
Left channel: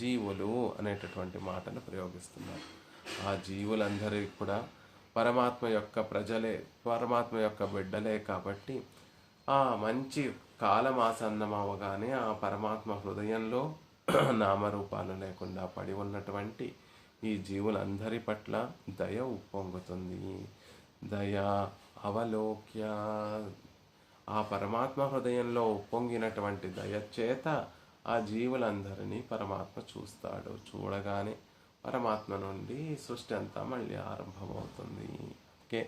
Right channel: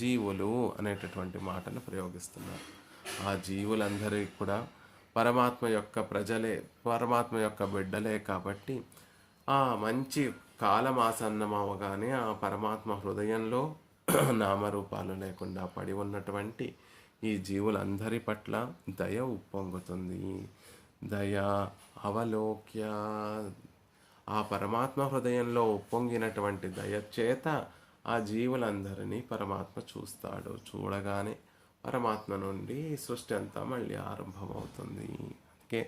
జీవులు అనేటటువంటి మాటను ప్రయోగిస్తున్నారు. ఆ జీవులందరికీ కూడా పరమాత్మ యొక్క ప్రజలే, పరమాత్మ యొక్క బిడ్డలే కాబట్టి ఆ మంచి కాలం ఆసన్నమవగానే ఆ పరమాత్మ హృదయంలో నామరూపాలు లేకుండా పడి ఉన్నటువంటి ఈ జీవులందరి పట్ల దయ ఉప్పొంగుతుంది. దయ అవలోక్య, ఆ పరమాత్మ హృదయంలో ఉప్పొంగినటువంటి దయచేత ఆ జీవులందరినీ పరమాత్మ చూస్తాడు. చూడగానే పరమాత్మ నుండి సృష్టి అంతా మళ్ళీ ఆరంభమవుతుంది. ఓకే.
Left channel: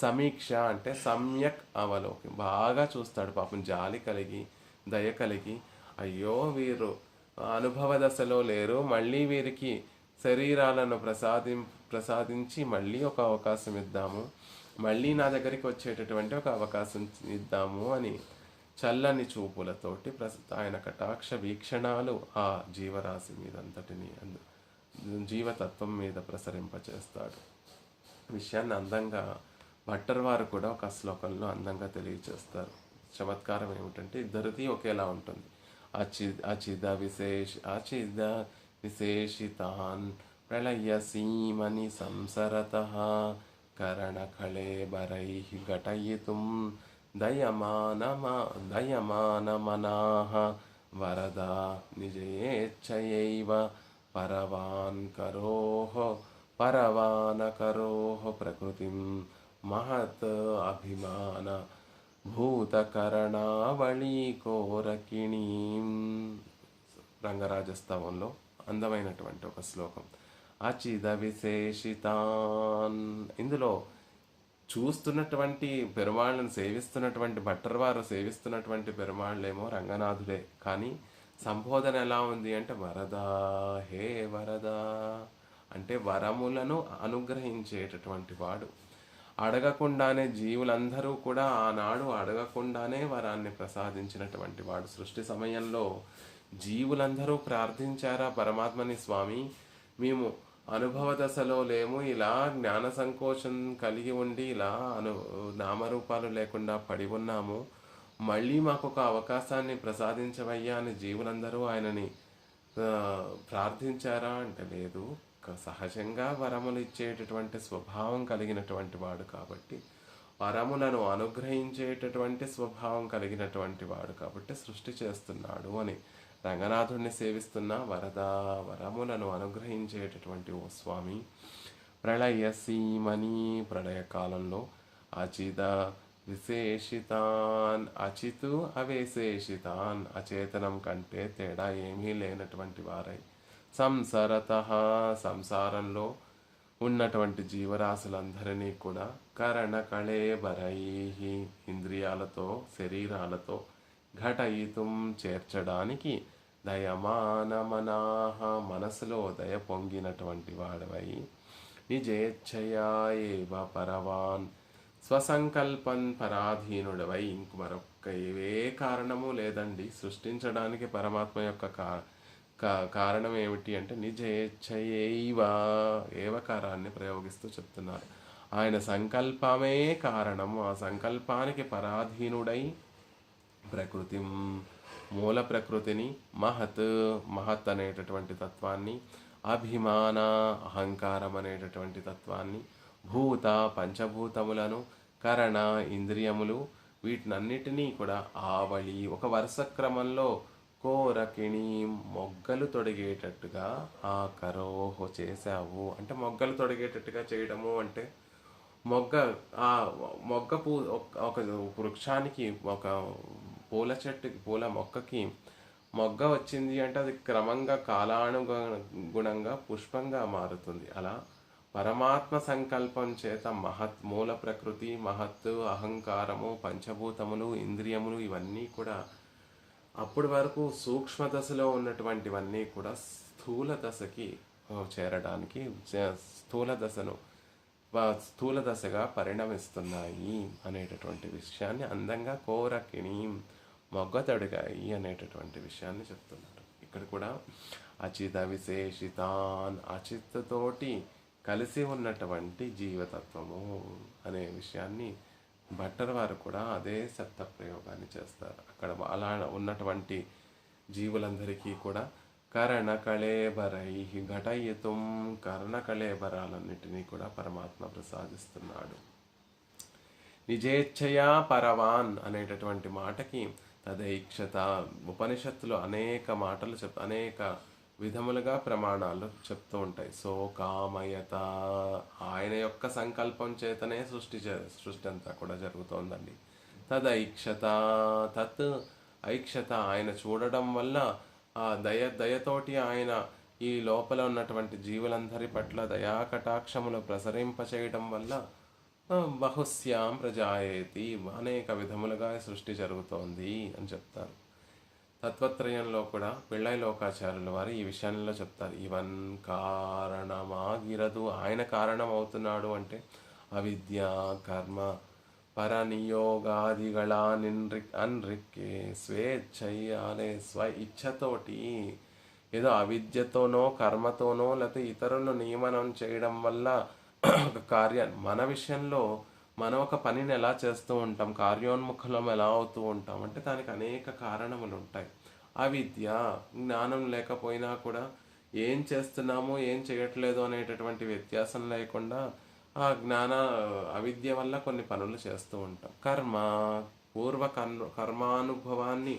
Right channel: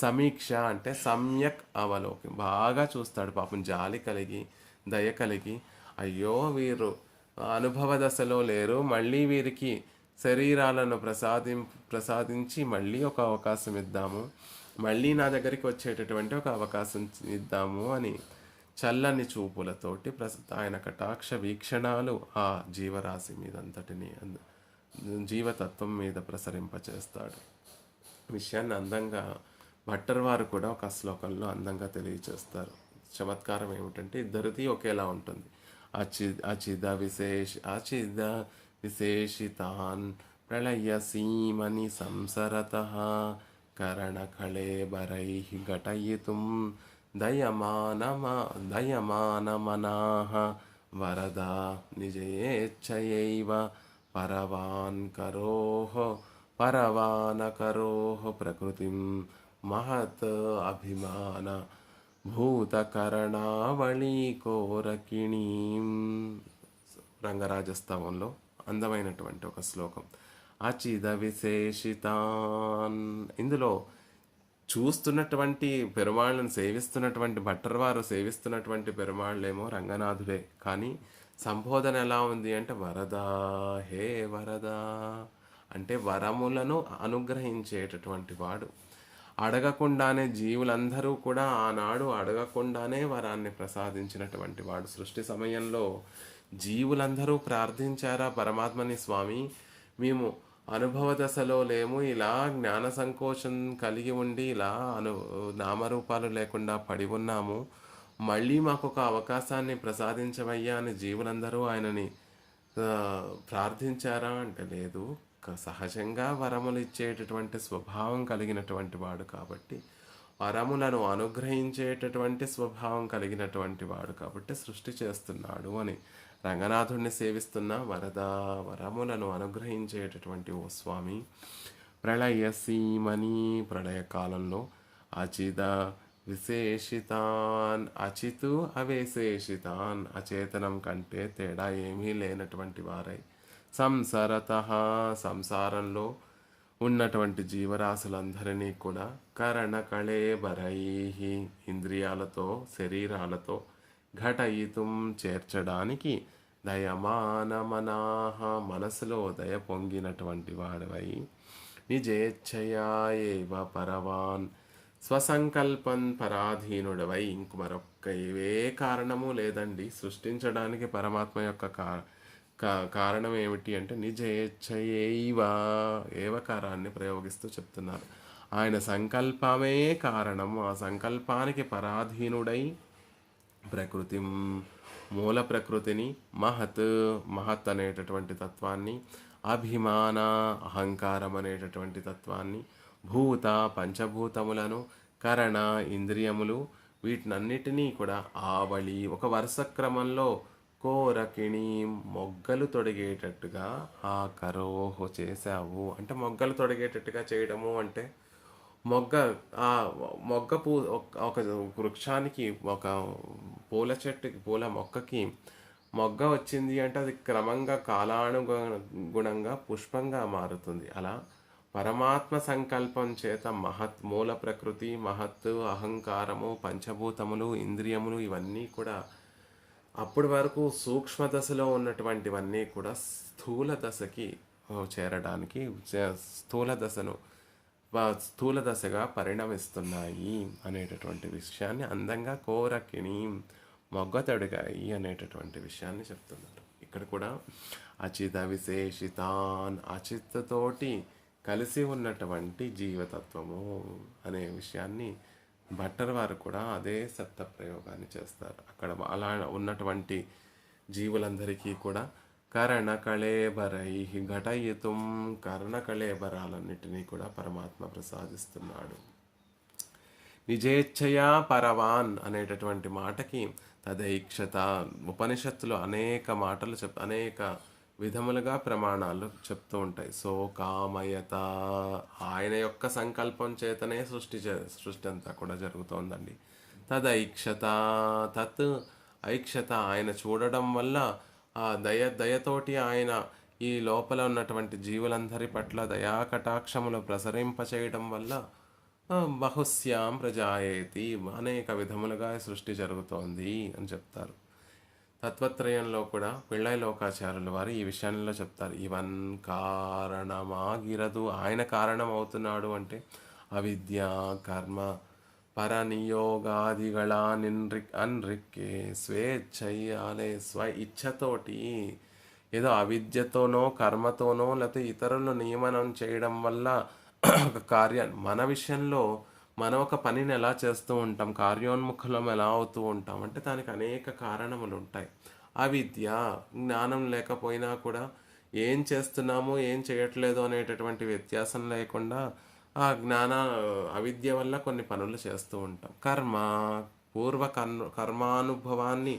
సమీక్ష అంటే సమ్యక్ అవలోకం, బాగా చూస్తాడు. పాపం జాలి కలిగి, దయ కలిగి, అయ్యో వీరు అనుభవ దశలో లేరు, మళ్ళీ వీరికి శరీరాలను ప్రసాదించి మళ్ళీ ఒక అవకాశం ఇద్దాము, మళ్ళీ నా దగ్గరికి వచ్చేటటువంటి ఒక అవకాశం ఇద్దాము అని చల్లని చూపులతోటి ఆయన కటాక్ష వీక్షణాలు ఆ జీవరాశి మీదంతటిని జీవతత్వం మీద ప్రసరింపచేస్తాడు. విషయాన్ని అందంగా భట్టర్ వారు కూడా ఒక శ్లోకంలో అందంగా తెలియచేస్తారు. చమత్కారం ఏమిటంటే ఇద్దరిది ఒకేలా ఉంటుంది. అచిద విశేషితాన్ ప్రళయసీమని సంసరతః కరణకళేబరైః ఘటయితుం దయమానమనాః వరదా నిజయేచ్ఛయైవ పరవానకరోః ప్రకృతిం మహత్ అభిమాన భూతకరణావళీ కోరకిణీం. రంగరాజస్తవంలో అందమైనటువంటి ఒక శ్లోకం. అచిద విశేషితాన్, ఇందులో చూస్తున్నటువంటి పెరుమాళ్ళను సేవిస్తున్నటువంటి భట్టర్ వారు సేవిస్తున్నటువంటి పెరుమాళ్ళేమో రంగనాథుడే, కానీ సంబోధన ఎలా ఉంది అంటే వరదా, హే వరదా అంటే వరములను అనుగ్రహించేటటువంటి వాడు. అడగకుండానే జీవులందరూ కూడా ఆనాడు అడగకుండానే వరాన్ని ప్రసాదించినటువంటి వాడు. సృష్టి సమయంలో జీవులందరూ ప్రార్థించారా పరమాత్మని, స్వామి మేము అనుభవ దశలో లేము, ఇలా జ్ఞాన సంకోచం కలిగి ఉండి ఇలా నామరూపాలు లేకుండా పడి ఉన్నాము, మళ్ళీ మాకు ఒక అవకాశాన్ని ప్రసాదించవయ్యా అని జీవులందరూ ఆయనని ప్రార్థించారా అంటే లేదు. సహజంగా వరములు ఇచ్చేటటువంటి స్వభావం కలిగినటువంటి వాడు కాబట్టి, వరములను అనుగ్రహించేటటువంటి స్వభావం కలిగినటువంటి వాడు కాబట్టి సృష్టి చేస్తున్నాడు అని రంగనాథుడిని సేవిస్తున్న వరములను అనుగ్రహించేటటువంటి ఓ స్వామి, ప్రళయసీమని ప్రళయకాలంలో అచిద విశేషితాన్, అచితు అవిశేషితాన్ అచేతనం కంటే తేడా ఏమీ లేనటువంటి వారై, సంసరతః సంసారంలో ఉన్నటువంటి జీవరాశులందరినీ కూడా కరణకళేబరైః ఇంద్రియాలతో శరీరాలతో ఘటయితుం చేర్చడానికి దయమానమనాః మనసులో దయ పొంగినటువంటి వాడవై, నిజేచ్ఛయా ఏవ పరవాన్ స్వసంకల్పం పరాధీనుడవై, ఇంక మరొక్క ఏవే కారణము లేదండి సృష్టించడానికి పరమాత్మ యొక్క కారణం ఏమిటి అంటే నిజేచ్ఛయైవ, ఏవకారాన్ని ప్రయోగిస్తూ చెప్తున్నారు. ఆయన సంకల్పమే కారణం. ఆ సంకల్పానికి పరాధీనుడై ప్రకృతి మూల ప్రకృతిని, మహత్ అనేటటువంటి తత్వాన్ని, అభిమాన అహంకారం అనేటటువంటి తత్వాన్ని, భూత పంచభూతములను, కరణ ఇంద్రియములు, వీటినన్నిటినీ కూడా ఆవళి ఒక వరుస క్రమంలో కోరకిణి మొగ్గలు తొడిగేటట్టుగా ఆ కరోహో చేశావు. అంటే మొగ్గలు తొడిగేటట్టుగా చేయడము అంటే మొగ్గ ఒక వృక్షానికి, ఒక పూల మొక్కకి మొగ్గ వచ్చింది అంటే అది క్రమంగా కాలానుగుణంగా పుష్పంగా మారుతుంది. అలా పరమాత్మ సంకల్పం చేత మూల ప్రకృతి, మహత్తు, అహంకారము, పంచభూతములు, ఇంద్రియములు ఇవన్నీ కూడా అప్పటి వరకు సూక్ష్మ దశలో ఉన్నటువంటివన్నీ కూడా స్థూల దశకి చేరడానికి స్థూల దశగా పరిణమిస్తున్నాయి అనేటటువంటి విషయాన్ని అందంగా కోరకిణి మొగ్గతడిగాయి అనేటటువంటి విషయాన్ని చెప్తున్నారు. ఇక్కడ కూడా అచిత విశేషితాన్ అచిత్తతోటి కలిసి ఉన్నటువంటి జీవతత్వము అనే విషయాన్ని భట్టర్ వారు కూడా అదే సత్త ప్రయోగాన్ని చేస్తారు. అక్కడ అలా ఉన్నటువంటి జీవులందరికీ కూడా కరణ కళేబరై ఘటయితుం, కర్ణ కళేబరాలన్నిటినీ కూడా పరమాత్మ ప్రసాదిస్తున్నాడు. నిజేచ్ఛయా పరవాన్ అనేటటువంటి మాటకి తదైక్షత ఉపనిషత్తులు అనేక మాటలు అనేక విధములుగా ప్రమాణాలు చెప్తూ ఉంటాయి. సో కామయత, ఆయన యొక్క సంకల్పం చేతనే సృష్టి అంతా కూడా జరుగుతోందండి. తదైక్షత, తత్ ఐక్షత, ఆయన చూడడం వల్ల ఆ దయతోటి ఆయన ఈ లోపల ఉన్నటువంటి జీవులందరి పట్ల దయా కటాక్షములు ప్రసరింపచేయడం వల్ల బహుశ్యాం ప్రజాయేతి, అనేక విధములుగా సృష్టి జరుగుతోంది అని చెప్తారు. తత్వత్రయంలో కూడా పిళ్ళై లోకాచార్యుల వారు ఈ విషయంలో చెప్తారు. ఇవన్ కారణమాగిరదు, ఆయన కారణం అవుతున్నాడు అంటే అవిద్య కర్మ పరనియోగాదిಗಳ అన్రిక్కే స్వేచ్ఛయ్యాలే స్వ ఇచ్ఛతోటి ఏదో అవిద్యతోనో కర్మతోనో లేకపోతే ఇతరులను నియమనం చేయడం వల్ల ఒక మన విషయంలో మనం ఒక పనిని ఎలా చేస్తూ ఉంటాం, కార్యోన్ముఖులం ఎలా అవుతూ ఉంటాం అంటే దానికి అనేక కారణములు ఉంటాయి. అవిద్య, జ్ఞానం లేకపోయినా కూడా ఏం చేస్తున్నామో ఏం చేయట్లేదు అనేటటువంటి వ్యత్యాసం లేకుండా ఆ అవిద్య వల్ల కొన్ని పనులు చేస్తూ ఉంటాం. కర్మ, పూర్వ కర్మానుభవాన్ని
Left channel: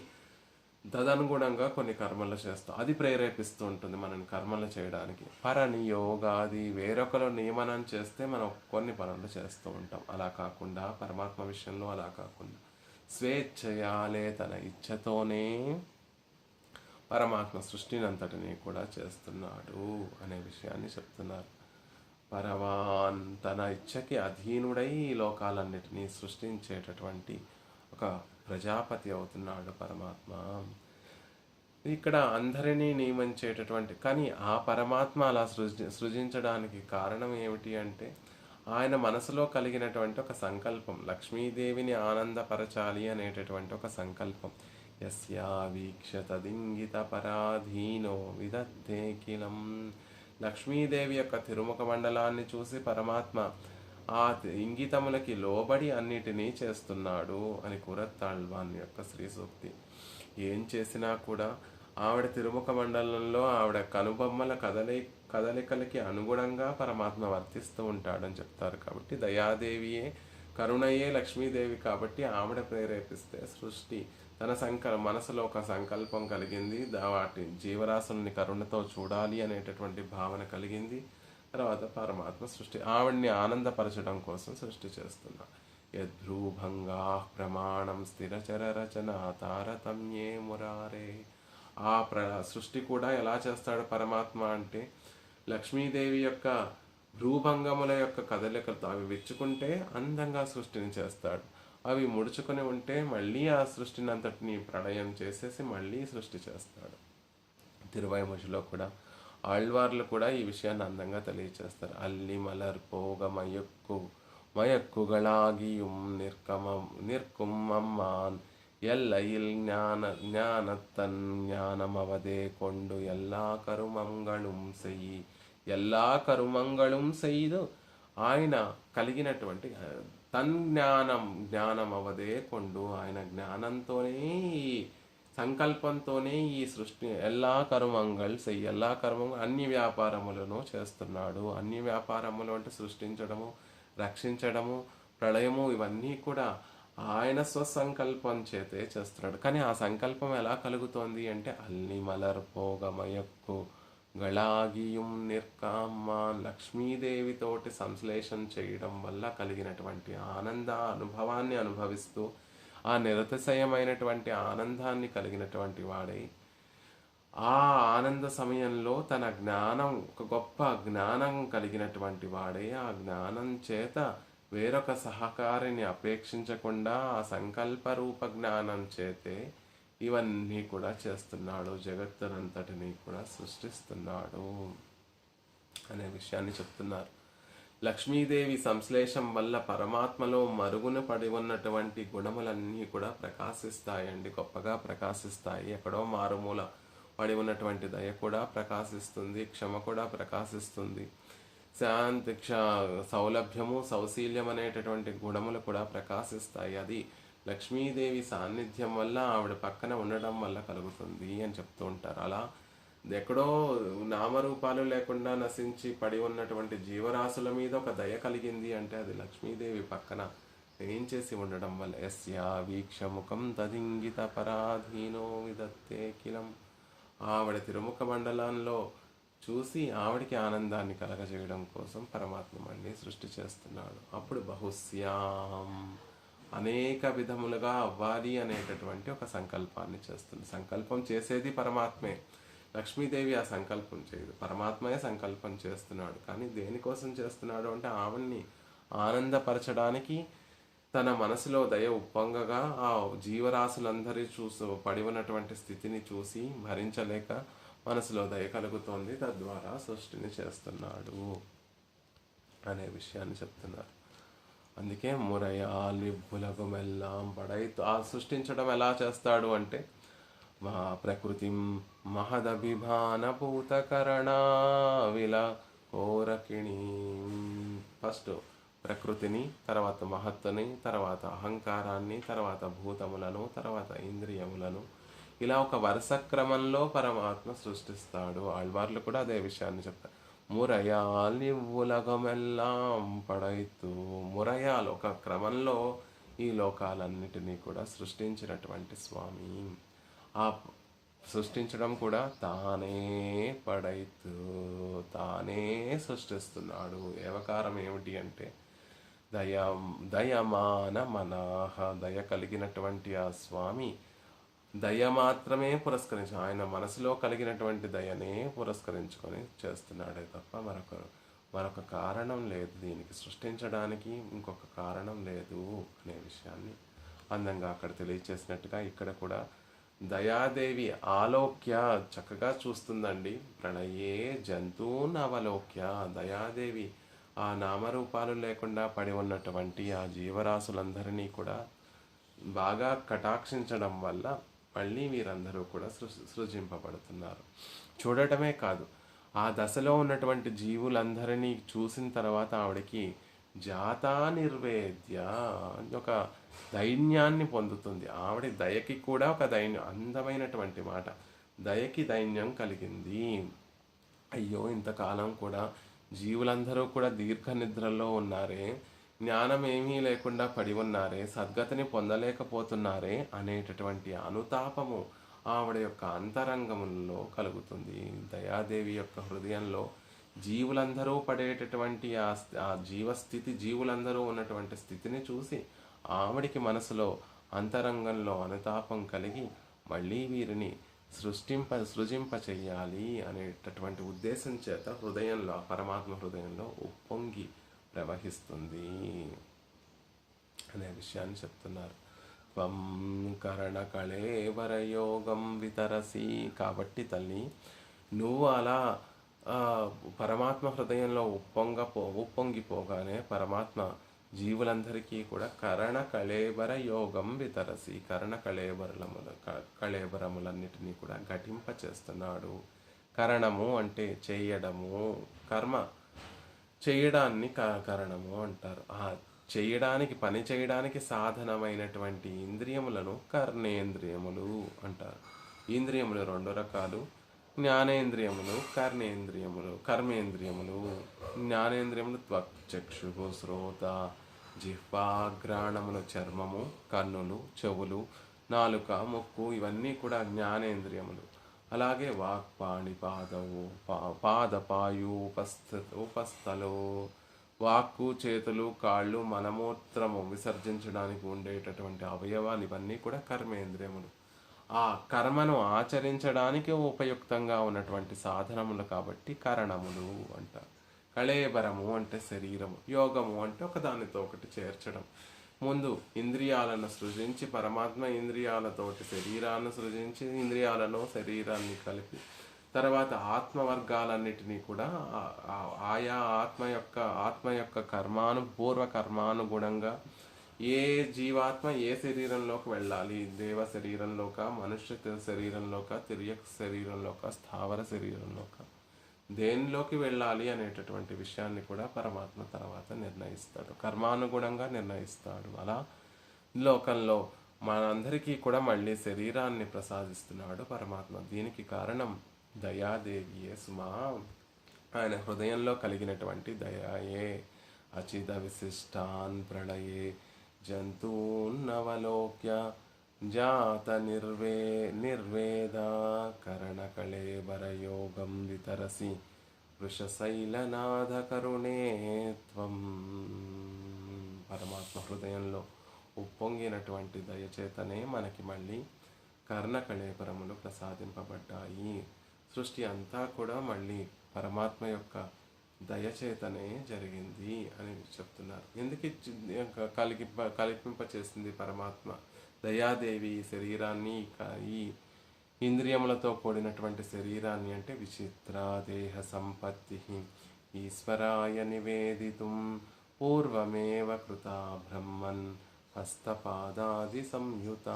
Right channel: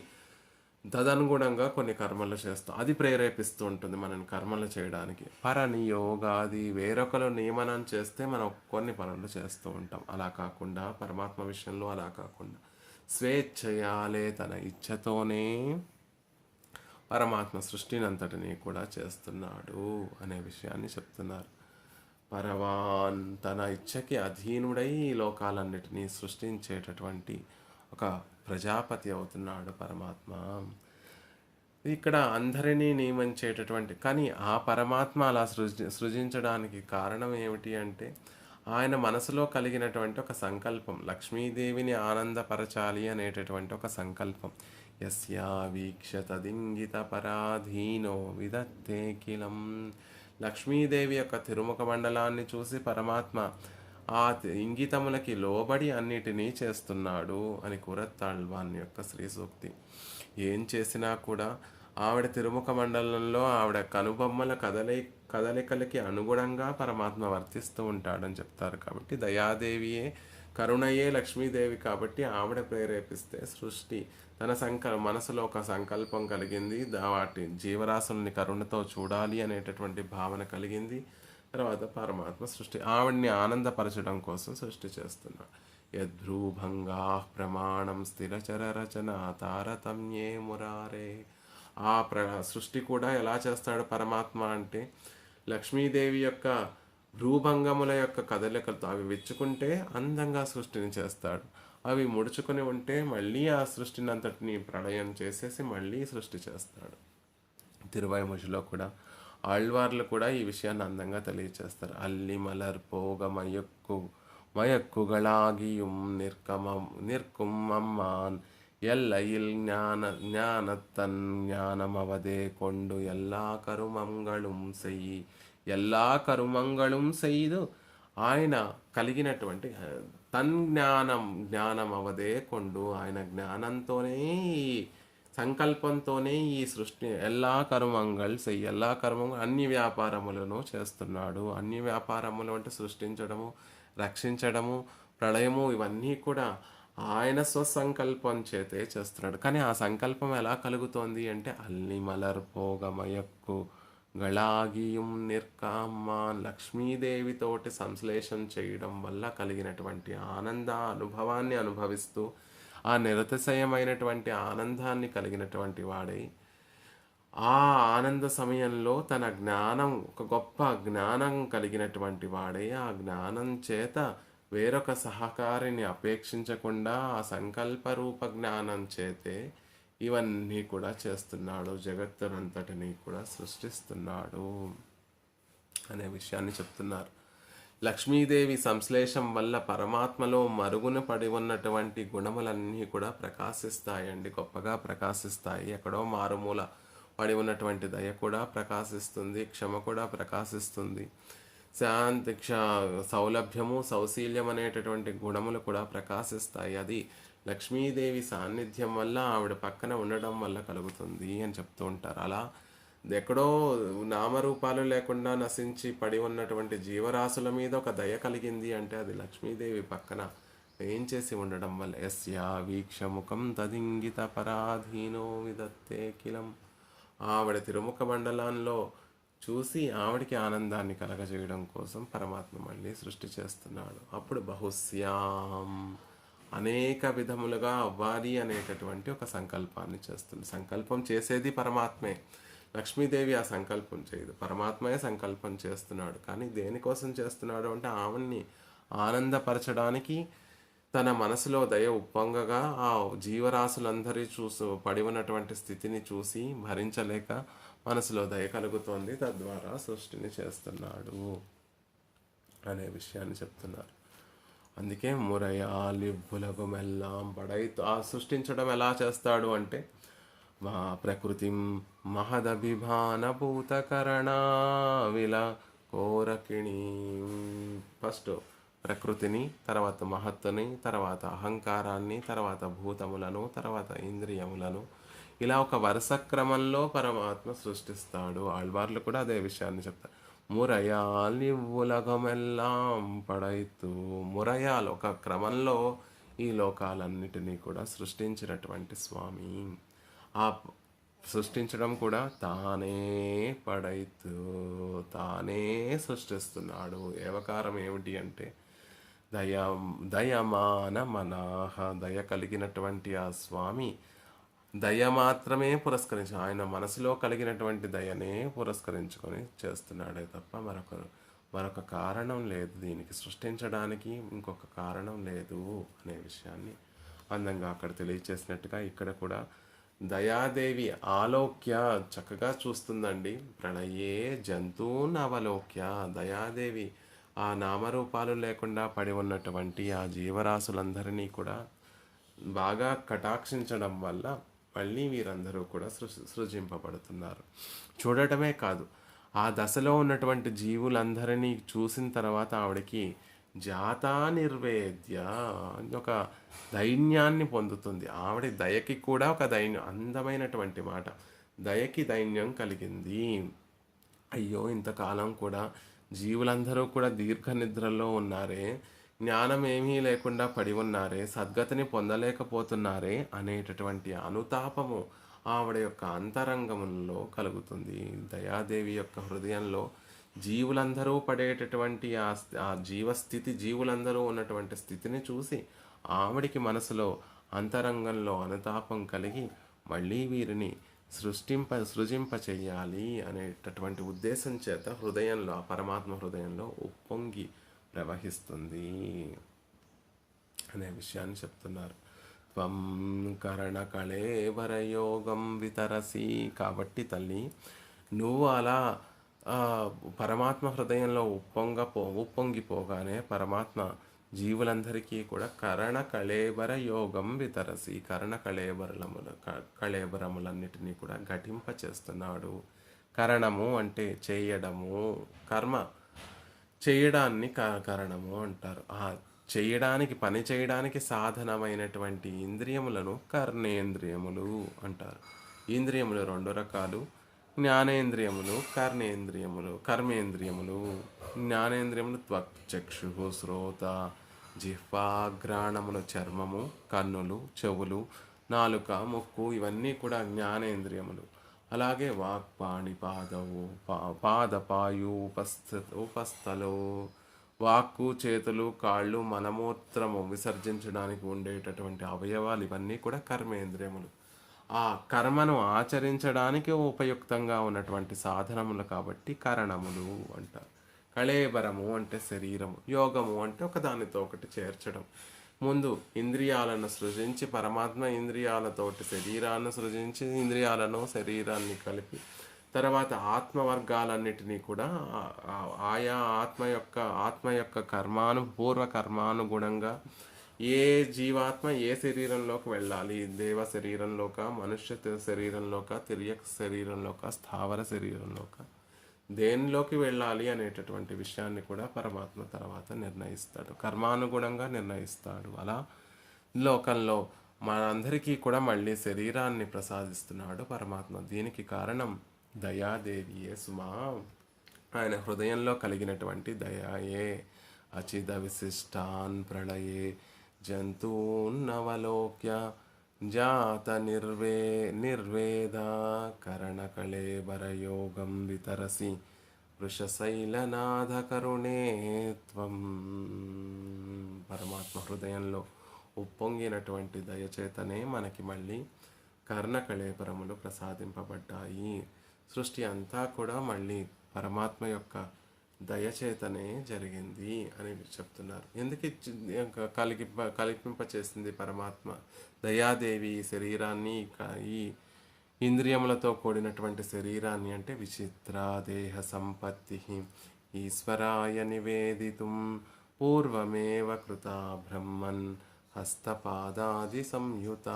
తదనుగుణంగా కొన్ని కర్మలు చేస్తాం, అది ప్రేరేపిస్తూ ఉంటుంది మనని కర్మలు చేయడానికి. పరనియోగాది, వేరొకరు నియమనం చేస్తే మనం కొన్ని పనులు చేస్తూ ఉంటాం. అలా కాకుండా పరమాత్మ విషయంలో అలా కాకుండా స్వేచ్ఛయాలే తన ఇచ్ఛతోనే పరమాత్మ సృష్టిని అంతటినీ కూడా చేస్తున్నాడు అనే విషయాన్ని చెప్తున్నారు. పరవాన్, తన ఇచ్ఛకి అధీనుడై ఈ లోకాలన్నిటినీ సృష్టించేటటువంటి ఒక ప్రజాపతి అవుతున్నాడు పరమాత్మ. ఇక్కడ అందరినీ నియమించేటటువంటి, కానీ ఆ పరమాత్మ అలా సృజించడానికి కారణం ఏమిటి అంటే ఆయన మనసులో కలిగినటువంటి ఒక సంకల్పం, లక్ష్మీదేవిని ఆనందపరచాలి అనేటటువంటి ఒక సంకల్పం. యస్యా వీక్ష తదింగిత పరాధీనో విదత్తే కిలం, లక్ష్మీదేవి యొక్క తిరుముఖ మండలాన్ని చూసి పరమాత్మ ఆ ఇంగితములకి లోబడి అన్నిటినీ చేస్తున్నాడు అని కూరత్తాళ్వాన్ యొక్క శ్రీ సూక్తి. ఏం చేసినా కూడా ఆవిడ తిరుముఖ మండలంలో ఆవిడ కనుబొమ్మల కదలికలకి అనుగుణంగా పరమాత్మ వర్తిస్తూ ఉంటాడని చెప్తారు. కాబట్టి దయాదేవియే, కరుణయే లక్ష్మీదేవి కాబట్టి ఆవిడ ప్రేరేపిస్తే సృష్టి తన మనసులో ఒక సంకల్పం కలిగింది, వాటి జీవరాశుల్ని కరుణతో చూడాలి అనేటటువంటి భావన కలిగింది. తర్వాత పరమాత్మ సృష్టి ఆవిడ్ని ఆనందపరచడం కోసం సృష్టి చేస్తున్నాడు. యద్భ్రూభంగా ప్రమాణం స్థిరచర రచన తారతమ్యే మురారే, ఆ సృష్టి కూడా ఎలా చేస్తాడు పరమాత్మ అంటే లక్ష్మీదేవి యొక్క భ్రూభంగముల యొక్క కదలికలతో అవి విచ్చుకుంటే అందంగా సృష్టిని చేస్తాడు, అవి ముడుచుకొని ఉంటే మళ్ళీ ఆ సృష్టిని అంతటిని ప్రళయం చేసేసి మళ్ళీ సృష్టి చేస్తాడు. తిరువైముజిలో కూడా ఆళ్వార్లు కూడా ఈ విషయాన్ని అందంగా తెలియచేస్తారు. అల్లి మలర్ పోగ మయక్కుగళాగియుం నిర్కుమ్మమ్మాన్ ఎల్లయిల్ జ్ఞానత్తన్ జ్ఞానమవదే కొండు எல்லா కరుమంగళం సెయ్యి, எல்லா కరుమంగళం సెయ్యిదు, ఆయన కలిగినటువంటి తన్ జ్ఞానం అవదే కొండు, ఆయన జ్ఞానంతోనే సంకల్పంతోనే ఈ సృష్టి ఎలా కర్మంగళ్ సెయ్యి, ఎలా కర్మంగా అన్ని వ్యాపారములను చేస్తున్నాడు. అన్ని వ్యాపారములు అంటే సృష్టించడము, రక్షించడము, ప్రళయము, ఇవన్నీ కూడా ఆయన స్వసంకల్పం చేతే చేస్తున్నాడు. కానీ ఆ సంకల్పం ఎలా కలుగుతోంది అంటే అల్లి మలర్ పోగమయక్కు గళాగియం నిర్కామ్మ, లక్ష్మీదేవితోటి సంశ్లేషం చేయడం వల్ల కలిగినటువంటి ఆనంద అనుభవాన్ని అనుభవిస్తూ ఆ నిరతిశయమైనటువంటి ఆనందాన్ని కలిగినటువంటి వాడై ఆ ఆనంద సమయంలో తన జ్ఞానం, ఒక గొప్ప జ్ఞానం కలిగినటువంటి వాడై ఆ జ్ఞానం చేత వేరొక సహకారిని అపేక్షించకుండా ఆ సంకల్ప రూప జ్ఞానం చేతే ఇవన్నీ కూడా చేస్తున్నాడు, జగత్తునంతటినీ కూడా సృష్టిస్తున్నాడు అనే విషయాన్ని చెప్తున్నారు. లక్ష్మీదేవి సంశ్లేషం వల్ల పరమాత్మలో మరుగున పడి ఉన్నటువంటి గుణములన్నీ కూడా ప్రకాశిస్తాయండి, గొప్పగా ప్రకాశిస్తాయి. ఎక్కడో మారుమూల పడి ఉన్నటువంటి దయ కూడా ప్రకాశిస్తుంది, క్షమ కూడా ప్రకాశిస్తుంది. శాంతి సౌలభ్యము సౌశీల్యం అనేటటువంటి గుణములు కూడా ప్రకాశిస్తాయి. అది లక్ష్మీదేవి సాన్నిధ్యం వల్ల, ఆవిడ పక్కన ఉండడం వల్ల కలుగుతుంది అని చెప్తూ ఉంటారు. అలా ఎక్కడో నామరూపాలు లేకుండా నశించి పడి ఉన్నటువంటి జీవరాశుల మీద ఒక దయ కలిగింది అంటే అది లక్ష్మీదేవి పక్కన ఏం చేసి ఉండడం వల్ల. యస్యా వీక్షముఖం తదింగిత పరాధీనో విదత్తే కిలం. ఆవిడ తిరుముఖ మండలంలో చూసి ఆవిడికి ఆనందాన్ని కలగజేయడం కోసం పరమాత్మ మళ్ళీ సృష్టి చేస్తున్నాడు. అప్పుడు బహుశ్యాం, అనేక విధములుగా అవ్వాలి అనేటటువంటి ఒక సంకల్పాన్ని చేస్తుంది. సంకల్పం చేసేది పరమాత్మే, లక్ష్మీదేవి ఆ సంకల్పం చేయదు, పరమాత్మయే సంకల్పం చేస్తున్నాడు. కానీ దేనికోసం చేస్తున్నాడు అంటే ఆవిడ్ని ఆనందపరచడానికి, తన మనసులో దయ ఉప్పొంగగా ఆ జీవరాశులందరి పడి ఉన్నటువంటి స్థితిని చూసి భరించలేక మనసులో దయ కలుగుతోంది, తద్వారా సృష్టిని చేస్తున్నాడు అనే విషయాన్ని చెప్తున్నారు. అందుకే మురయాలిబ్బులగుమెల్లాం పడైతు. ఆ సృష్టించడం ఎలా చేస్తాడు అంటే మా ప్రకృతి మహదభిమాన భూతకరణా విల కోరకిణి. ఫస్ట్ ప్రకృతిని, తర్వాత మహత్తుని, తర్వాత అహంకారాన్ని, తర్వాత భూతములను, తర్వాత ఇంద్రియములను, ఇలా ఒక వరుస క్రమంలో పరమాత్మ సృష్టిస్తాడు. ఆళ్వార్లు కూడా అదే విషయాన్ని చెప్తారు. మురయాలి ఉలగమెల్లాం పడైతు. మురయాలు ఒక క్రమంలో ఈ లోకాలన్నిటినీ కూడా సృష్టించినటువంటి స్వామి. ఆ సృష్టించడం కూడా తానే పడైతు, తానే సృష్టిస్తున్నాడు. ఏవకారం ఏమిటి అంటే దయమాన మనాహ. దయ కలిగినటువంటి ఆ స్వామి దయ మాత్రమే పురస్కరించి, ఆయన మనసులో కలిగినటువంటి దయనే పురస్కరించుకొని చేస్తున్నాడే తప్ప మరొక కారణం లేదు. దీనికి సృష్టించడానికి ఇంకొక కారణం లేదు అనే విషయాన్ని అందంగా అక్కడ తెలియచేసినట్టుగా ఇక్కడ కూడా దయాదేవి ఆలోక్య చక్కగా చూస్తుందండి. ప్రళయే జంతువున్ అవలోక్య. దయాదేవి ఆ నామరూపాలు లేకుండా పడి ఉన్నటువంటి ఆ జీవరాశులందరినీ కూడా బాగా కటాక్షించడం వల్ల మళ్ళీ వీరందరూ కూడా సృజింపబడుతున్నారు. చూడటమే కాదు, ఆ దశలో ఉన్నటువంటి జీవులందరినీ చూసిన తర్వాత ఆవిడకి జాతా నిర్వేద్య ఒక దైన్యాన్ని పొందుతుంది. ఆవిడ దయకి కూడా ఒక దైన్యం, అందమైనటువంటి మాట, దయకి దైన్యం కలిగింది. అయ్యో, ఇంతకాలం కూడా జీవులందరూ కూడా దీర్ఘ నిద్రలో ఉన్నారే, జ్ఞానం ఏమీ లేకుండా పడి ఉన్నారే, సద్గతిని పొందలేకపోతున్నారే అనేటటువంటి అనుతాపము ఆవిడ యొక్క అంతరంగములలో కలుగుతుంది. దయాదేవి యొక్క హృదయంలో జీవులందరూ పడేటటువంటి ఆ జీవస్థితి, జీవులందరూ ఉన్నటువంటి స్థితిని చూసి ఆవిడికి మనసులో అంతరంగంలో అనుతాపం కలిగి మళ్ళీ వీరిని సృజింప చెయ్యాలి అనేటటువంటి ఉద్దేశం చేత హృదయంలో, పరమాత్మ హృదయంలో ఉప్పొంగి ప్రవహిస్తుంది అనే విషయాన్ని చెప్తున్నారు. త్వం కరణ కళేవరయోగం వితరసి. కాబట్టి నువ్వు అలా పరమాత్మ హృదయంలో ఉప్పొంగిపోగానే పరమాత్మ జీవులందరికీ కూడా కరణ కళేబర యోగం వితరసి, కళేబరములన్నిటినీ కూడా ఘటింప చేస్తున్నాడు. కరణము అంటే చేయడము, కర్మ చేయడాన్ని కరణము అంటారు. ఆ పని చేయడానికి సాధనమైనటువంటి ఇంద్రియములను కర్ణేంద్రియములు అంటారు. ఇంద్రియములు రెండు రకాలు, జ్ఞానేంద్రియములు, కర్మేంద్రియములు. జ్ఞానేంద్రియములు త్వక్చక్షు శ్రోత జిహ్వాఘ్రాణములు, చర్మము, కన్నులు, చెవులు, నాలుక, ముక్కు, ఇవన్నీ కూడా జ్ఞానేంద్రియములు. అలాగే వాక్పాణి పాదవు పాదపాయు ఉపస్థలు, వాక్కు, చేతులు, కాళ్ళు, మలమూత్రము విసర్జించడానికి ఉండేటటువంటి అవయవాలు, ఇవన్నీ కూడా కర్మేంద్రియములు. ఆ కర్మను ఆచరించడానికి ఉపయుక్తంగా ఉన్నటువంటి సాధనములు కాబట్టి కరణములు అంటారు. కళేబరము అంటే శరీరము, యోగము అంటే ఒకదానితో ఒకటి చేర్చడం. ముందు ఇంద్రియాలను సృజించి పరమాత్మ ఇంద్రియాలతోటి శరీరాన్ని సృజించి ఇంద్రియాలను శరీరాన్ని కలిపి తర్వాత ఆత్మవర్గాలన్నిటినీ కూడా ఆయా ఆత్మ యొక్క పూర్వ కర్మానుగుణంగా ఏ జీవాత్మ ఏ శరీరంలోకి వెళ్ళాలి, దేవ శరీరంలోక, మనుష్య శరీరంలోక, తిర్యక్ శరీరంలోక, స్థావర శరీరంలోక, దేనిలోకి వెళ్ళాలి అనేటటువంటి విషయాన్ని కూడా పరమాత్మ తర్వాత నిర్ణయిస్తాడు, కర్మానుగుణంగా నిర్ణయిస్తాడు. అలా లోకంలో మనందరికీ కూడా మళ్ళీ శరీరాన్ని ప్రసాదిస్తున్నాడు పరమాత్మ. దీనికి కారణం దయాదేవియే సుమా. ఆయన హృదయంలో కలిగినటువంటి దయాయే. అచిద విశిష్టాన్ ప్రళయే జంతూన్నవలోక్య జాత నిర్వేద కరణకళేబరయోగం వితరసి వృషశైలనాథ కరుణే త్వం. పరమాత్మ హృదయంలో ఉప్పొంగినటువంటి దయచేతనే మనకి మళ్ళీ కర్ణకళేబరములు ప్రసాదింపబడ్డాయి. సృష్టి అంతా కూడా మళ్ళీ పరమాత్మ యొక్క దయచేతనే జరిగింది అని చెప్తున్నారు. ఎందుకు కల్పింపచేసింది పరమాత్మ దయాదేవి ఈ శరీరాన్ని, ఈ ఇంద్రియములతో కూడినటువంటి శరీరాన్ని అంటే విచిత్ర దేహ సంపత్తి ఈశ్వరాయ నివేదితుం పూర్వమేవ కృత బ్రహ్మన్ హస్తపాదాది సంయుత.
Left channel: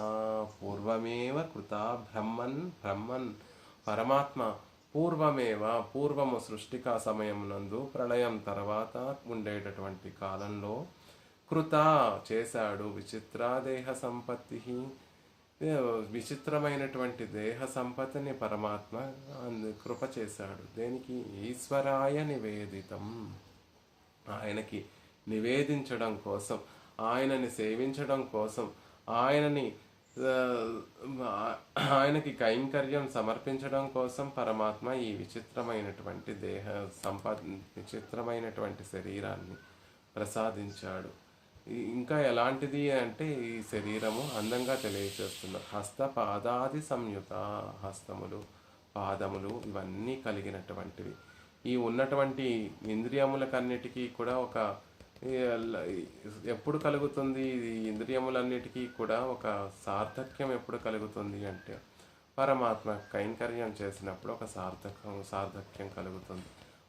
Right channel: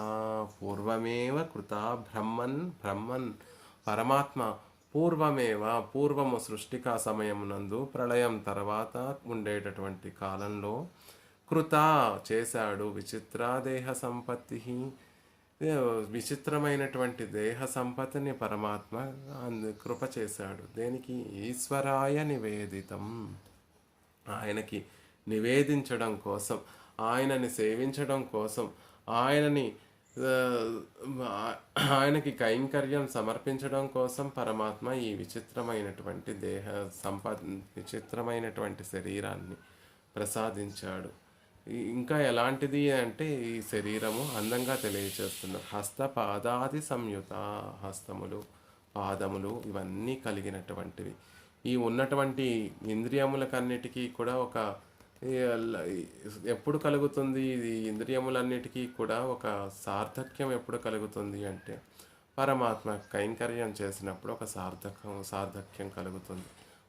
పూర్వమేవ కృత బ్రహ్మన్ పరమాత్మ పూర్వము సృష్టికా సమయమునందు ప్రళయం తర్వాత ఉండేటటువంటి కాలంలో కృత చేశాడు విచిత్ర దేహ సంపత్తి, విచిత్రమైనటువంటి దేహ సంపత్తిని పరమాత్మ కృప చేశాడు. దేనికి? ఈశ్వరాయ నివేదితం, ఆయనకి నివేదించడం కోసం, ఆయనని సేవించడం కోసం, ఆయనకి కైంకర్యం సమర్పించడం కోసం పరమాత్మ ఈ విచిత్రమైనటువంటి విచిత్రమైనటువంటి శరీరాన్ని ప్రసాదించాడు. ఇంకా ఎలాంటిది అంటే ఈ శరీరము అందంగా తెలియచేస్తున్నారు. హస్త పాదాది సంయుత, హస్తములు పాదములు ఇవన్నీ కలిగినటువంటివి. ఈ ఉన్నటువంటి ఇంద్రియములకన్నిటికీ కూడా ఒక ఎప్పుడు కలుగుతుంది? ఇది ఇంద్రియములన్నిటికీ కూడా ఒక సార్థక్యం ఎప్పుడు కలుగుతుంది అంటే పరమాత్మ కైంకర్యం చేసినప్పుడు ఒక సార్థక్యం కలుగుతుంది.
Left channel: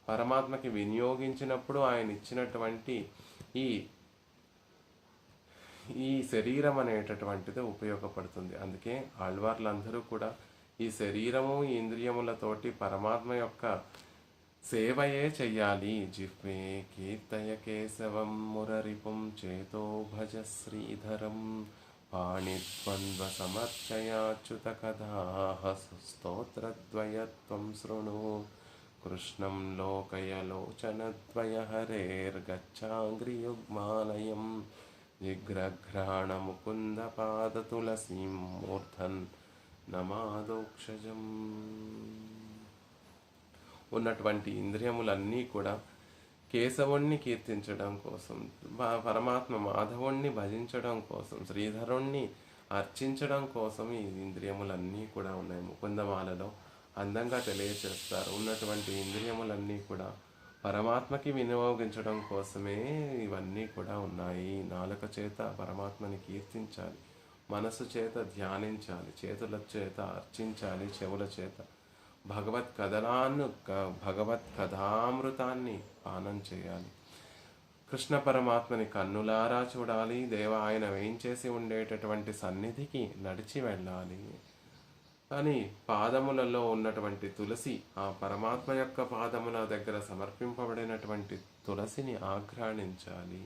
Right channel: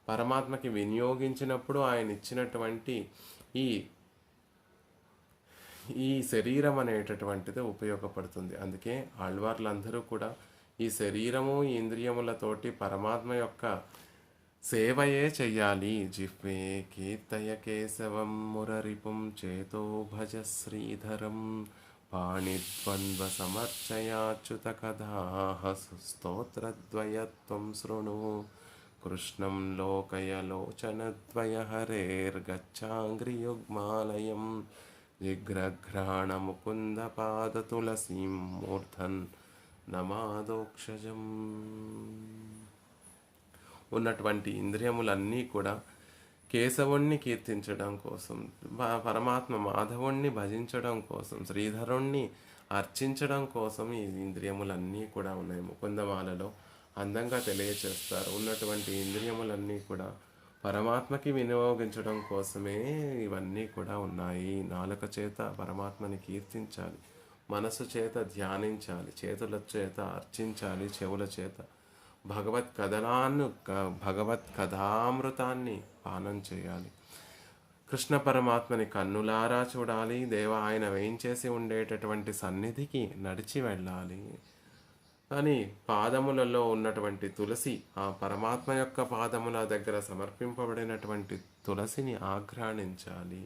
పరమాత్మకి వినియోగించినప్పుడు ఆయన ఇచ్చినటువంటి ఈ శరీరం అనేటటువంటిది ఉపయోగపడుతుంది. అందుకే ఆళ్వార్లందరూ కూడా ఈ శరీరము ఈ ఇంద్రియములతోటి పరమాత్మ యొక్క సేవయే చెయ్యాలి. జిహ్వే కీర్తయ కేశవం మురరిపుం చేతో భజ శ్రీధరం పాణిద్వంద్వ సమర్చయాచ్యుత కథాః స్తోత్రద్వయత్వం శృణు కృష్ణం లోకయలోచనద్వయ హరేర్గచ్చాంగ్రియుగ్మాలయం జిగ్రఘ్రాణ ముకుంద పాద తులసీం మూర్ధన్ నమాదోక్షజం. ఉన్నటువంటి ఇంద్రియములన్నీ కూడా కేశవుణ్ణి కీర్తించడం కోసం, పరమాత్మ మాధవుణ్ణి భజించడం కోసం, శ్రీధరుణ్ణి అర్చించడం కోసం ఈ ఇంద్రియములన్నీ కూడా ఉన్నాయి. ముకుందమాలలో అందంగా తెలియచేస్తారు. ఉన్నటువంటి ఇంద్రియములన్నీ కూడా పరమాత్మకి వినియోగించడం కోసమే ఇవన్నీ కూడా ఉన్నాయి. నాలుక చేత పరమాత్మని కీర్తించాలి, మనసు చేత ధ్యానించాలి, చేతుల చేత అర్చించాలి, చెవుల చేత భగవత్ కథామృతాన్ని పానం చేయాలి. కృష్ణ పరమాత్మని కన్నులారా చూడాలి. ఆయన వేయించేసి ఉండేటటువంటి సన్నిధికి నడిచి వెళ్ళాలి. కానీ పాదములలో ఉన్నటువంటి తులసి, ఆ పరమాత్మ యొక్క పాదముల దగ్గర సమర్పింపబడినటువంటి తులసిని ఆఘ్రాణించాలి.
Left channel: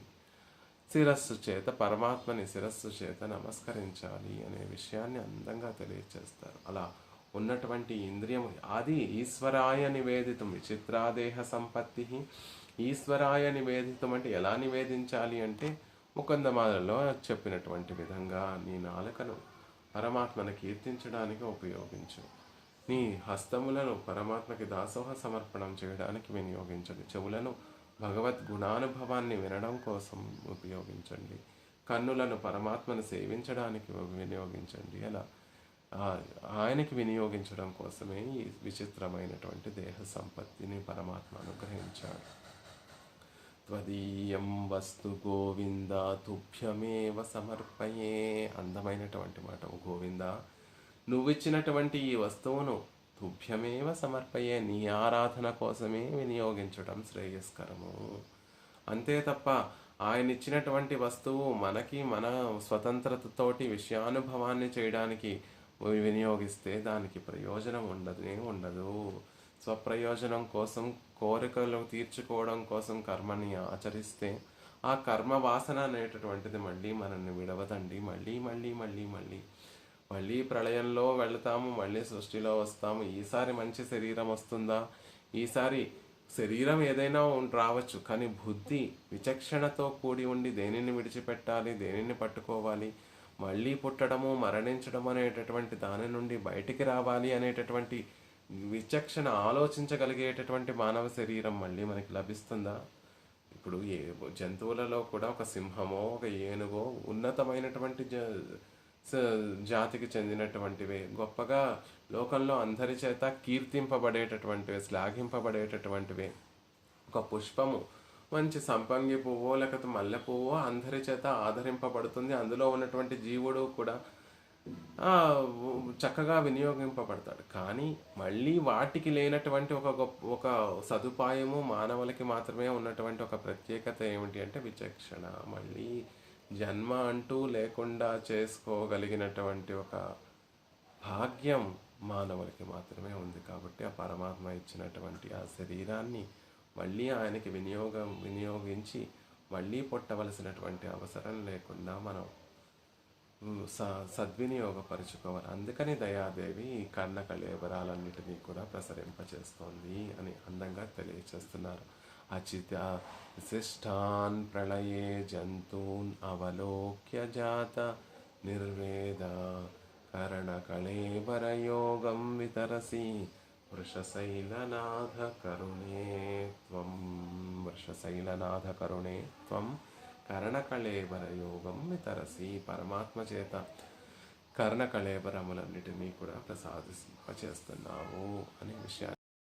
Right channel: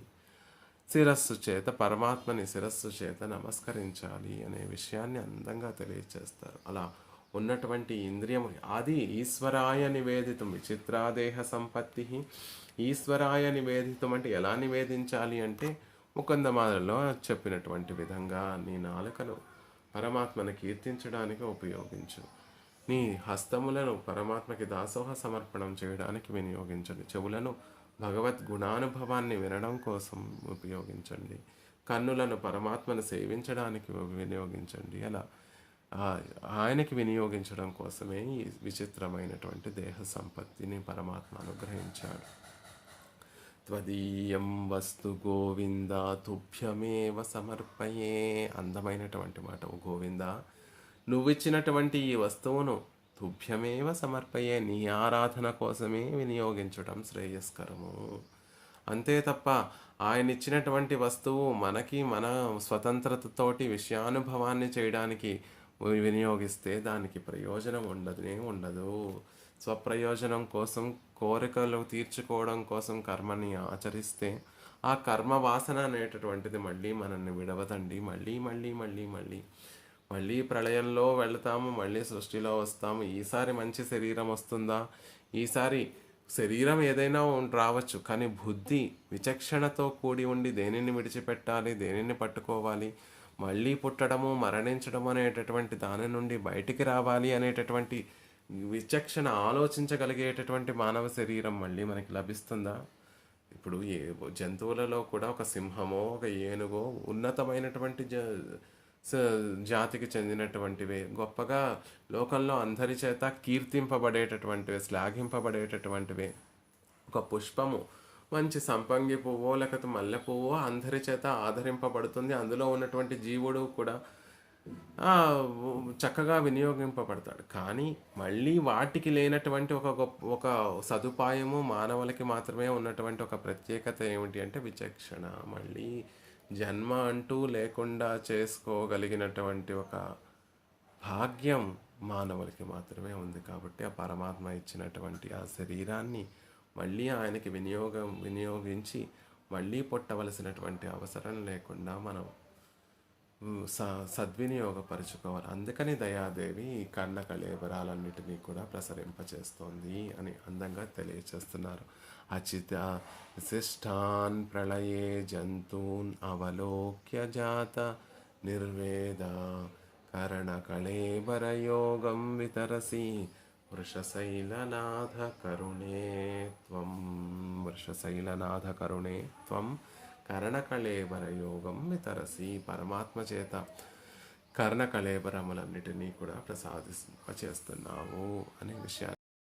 పరమాత్మని శిరస్సు చేత నమస్కరించాలి అనే విషయాన్ని అందంగా తెలియచేస్తారు. అలా ఉన్నటువంటి ఇంద్రియము అది ఈశ్వరాయ నివేదితం. విచిత్రాదేహ సంపత్తి ఈశ్వరాయ నివేదితం అంటే ఎలా నివేదించాలి అంటే ముకుందమాలలో చెప్పినటువంటి విధంగా నీ నాలుకను పరమాత్మను కీర్తించడానికి ఉపయోగించు, నీ హస్తములను పరమాత్మకి దాసోహ సమర్పణం చేయడానికి వినియోగించండి, చెవులను భగవద్ గుణానుభవాన్ని వినడం కోసం ఉపయోగించండి, కన్నులను పరమాత్మను సేవించడానికి వినియోగించండి. అలా ఆయనకి వినియోగించడం కోసమే ఈ విచిత్రమైనటువంటి దేహ సంపత్తిని పరమాత్మ అనుగ్రహించాడు. త్వదీయం వస్తు గోవింద తుభ్యమేవ సమర్పయే. అందమైనటువంటి మాట. గోవింద, నువ్విచ్చినటువంటి ఈ వస్తువును తుభ్యమేవ సమర్పయే, నీ ఆరాధన కోసమే వినియోగించడం శ్రేయస్కరము. అంతే తప్ప ఆయన ఇచ్చినటువంటి వస్తువు మనకి మన స్వతంత్రతతోటి విషయానుభవాన్ని చేయడానికి వినియోగిస్తే దానికి ప్రయోజనం ఉండదు. స్వప్రయోజనం కోసం, కోరికలు తీర్చుకోవడం కోసం కర్మని ఆచరిస్తే ఆ కర్మ వాసన అనేటటువంటిది మళ్ళీ మనల్ని విడవదండి. మళ్ళీ మళ్ళీ మళ్ళీ మళ్ళీ మళ్ళీ ప్రళయంలో వెళ్తాము, మళ్ళీ సృష్టిలో వస్తాము. ఈసారి మంచి శరీరం వస్తుందా? ఈసారి శరీరం ఏదైనా రావచ్చు, కానీ బుద్ధి విచక్షణతో కూడి ఉండి దేనిని విడిచిపెట్టాలి, దేనిని పట్టుకోవాలి, మళ్ళీ పుట్టడము మరణించడం అనేటటువంటి దాని నుండి బయటికి రావాలి అనేటటువంటి విచక్షణ ఆలోచించగలిగేటటువంటి మానవ శరీరం మళ్ళీ మనకి లభిస్తుందా? ఇప్పుడు జంతువులలో కూడా ఒక సింహమో ఒక ఏనుగో ఉన్నతమైనటువంటి జాతికి చెందినటువంటివే, గొప్పగా లోకంలో అందరి చేత కీర్తింపబడేటటువంటివే, శ్లాఘింపబడేటటువంటివే. ఒక పుష్పము మంచి సంపంగి పువ్వో లేకపోతే మల్లె పువ్వో అందరి చేత ఆదరింపబడుతుంది. అందులో ఉన్నటువంటి జీవుడు కూడా చక్కగా వినియోగింపబడతాడు. కానీ మళ్ళీ వాటికి లేనటువంటి ఒక సదుపాయము మానవులకి మాత్రమే ఉన్నటువంటి ఒక ప్రత్యేకత ఏమిటి అంటే విచక్షణ. మళ్ళీ జన్మ అంటూ లేకుండా చేసుకోగలిగినటువంటి ఒక భాగ్యం మానవులకి మాత్రమే ఉంది. కాబట్టి ఆ పరమాత్మ ఇచ్చినటువంటి ఆ శరీరాన్ని మళ్ళీ ఆయనకి వినియోగించి మళ్ళీ పుట్టవలసినటువంటి అవసరం లేకుండా మనం సద్వినియోగపరుచుకోవాలి. అందుకని దయాదేవి ఈ కన్న కళేబరాలన్నిటినీ కూడా ప్రసరింపచేస్తోంది అని అందంగా తెలియచేస్తున్నారు. అచిత విశిష్టాన్ ప్రళయే జంతూన్ అవలోక్య జాత నిర్వేద కరణ కళేబరయోగం వితరసి వృషశైలనాథ కరుణే త్వం కర్ణకళేబర యోగం వితరసి. పరమాత్మ చేత కర్ణకళేబరములన్నిటినీ కూడా ప్రసాదింపచేస్తున్నావు అనే విషయాన్ని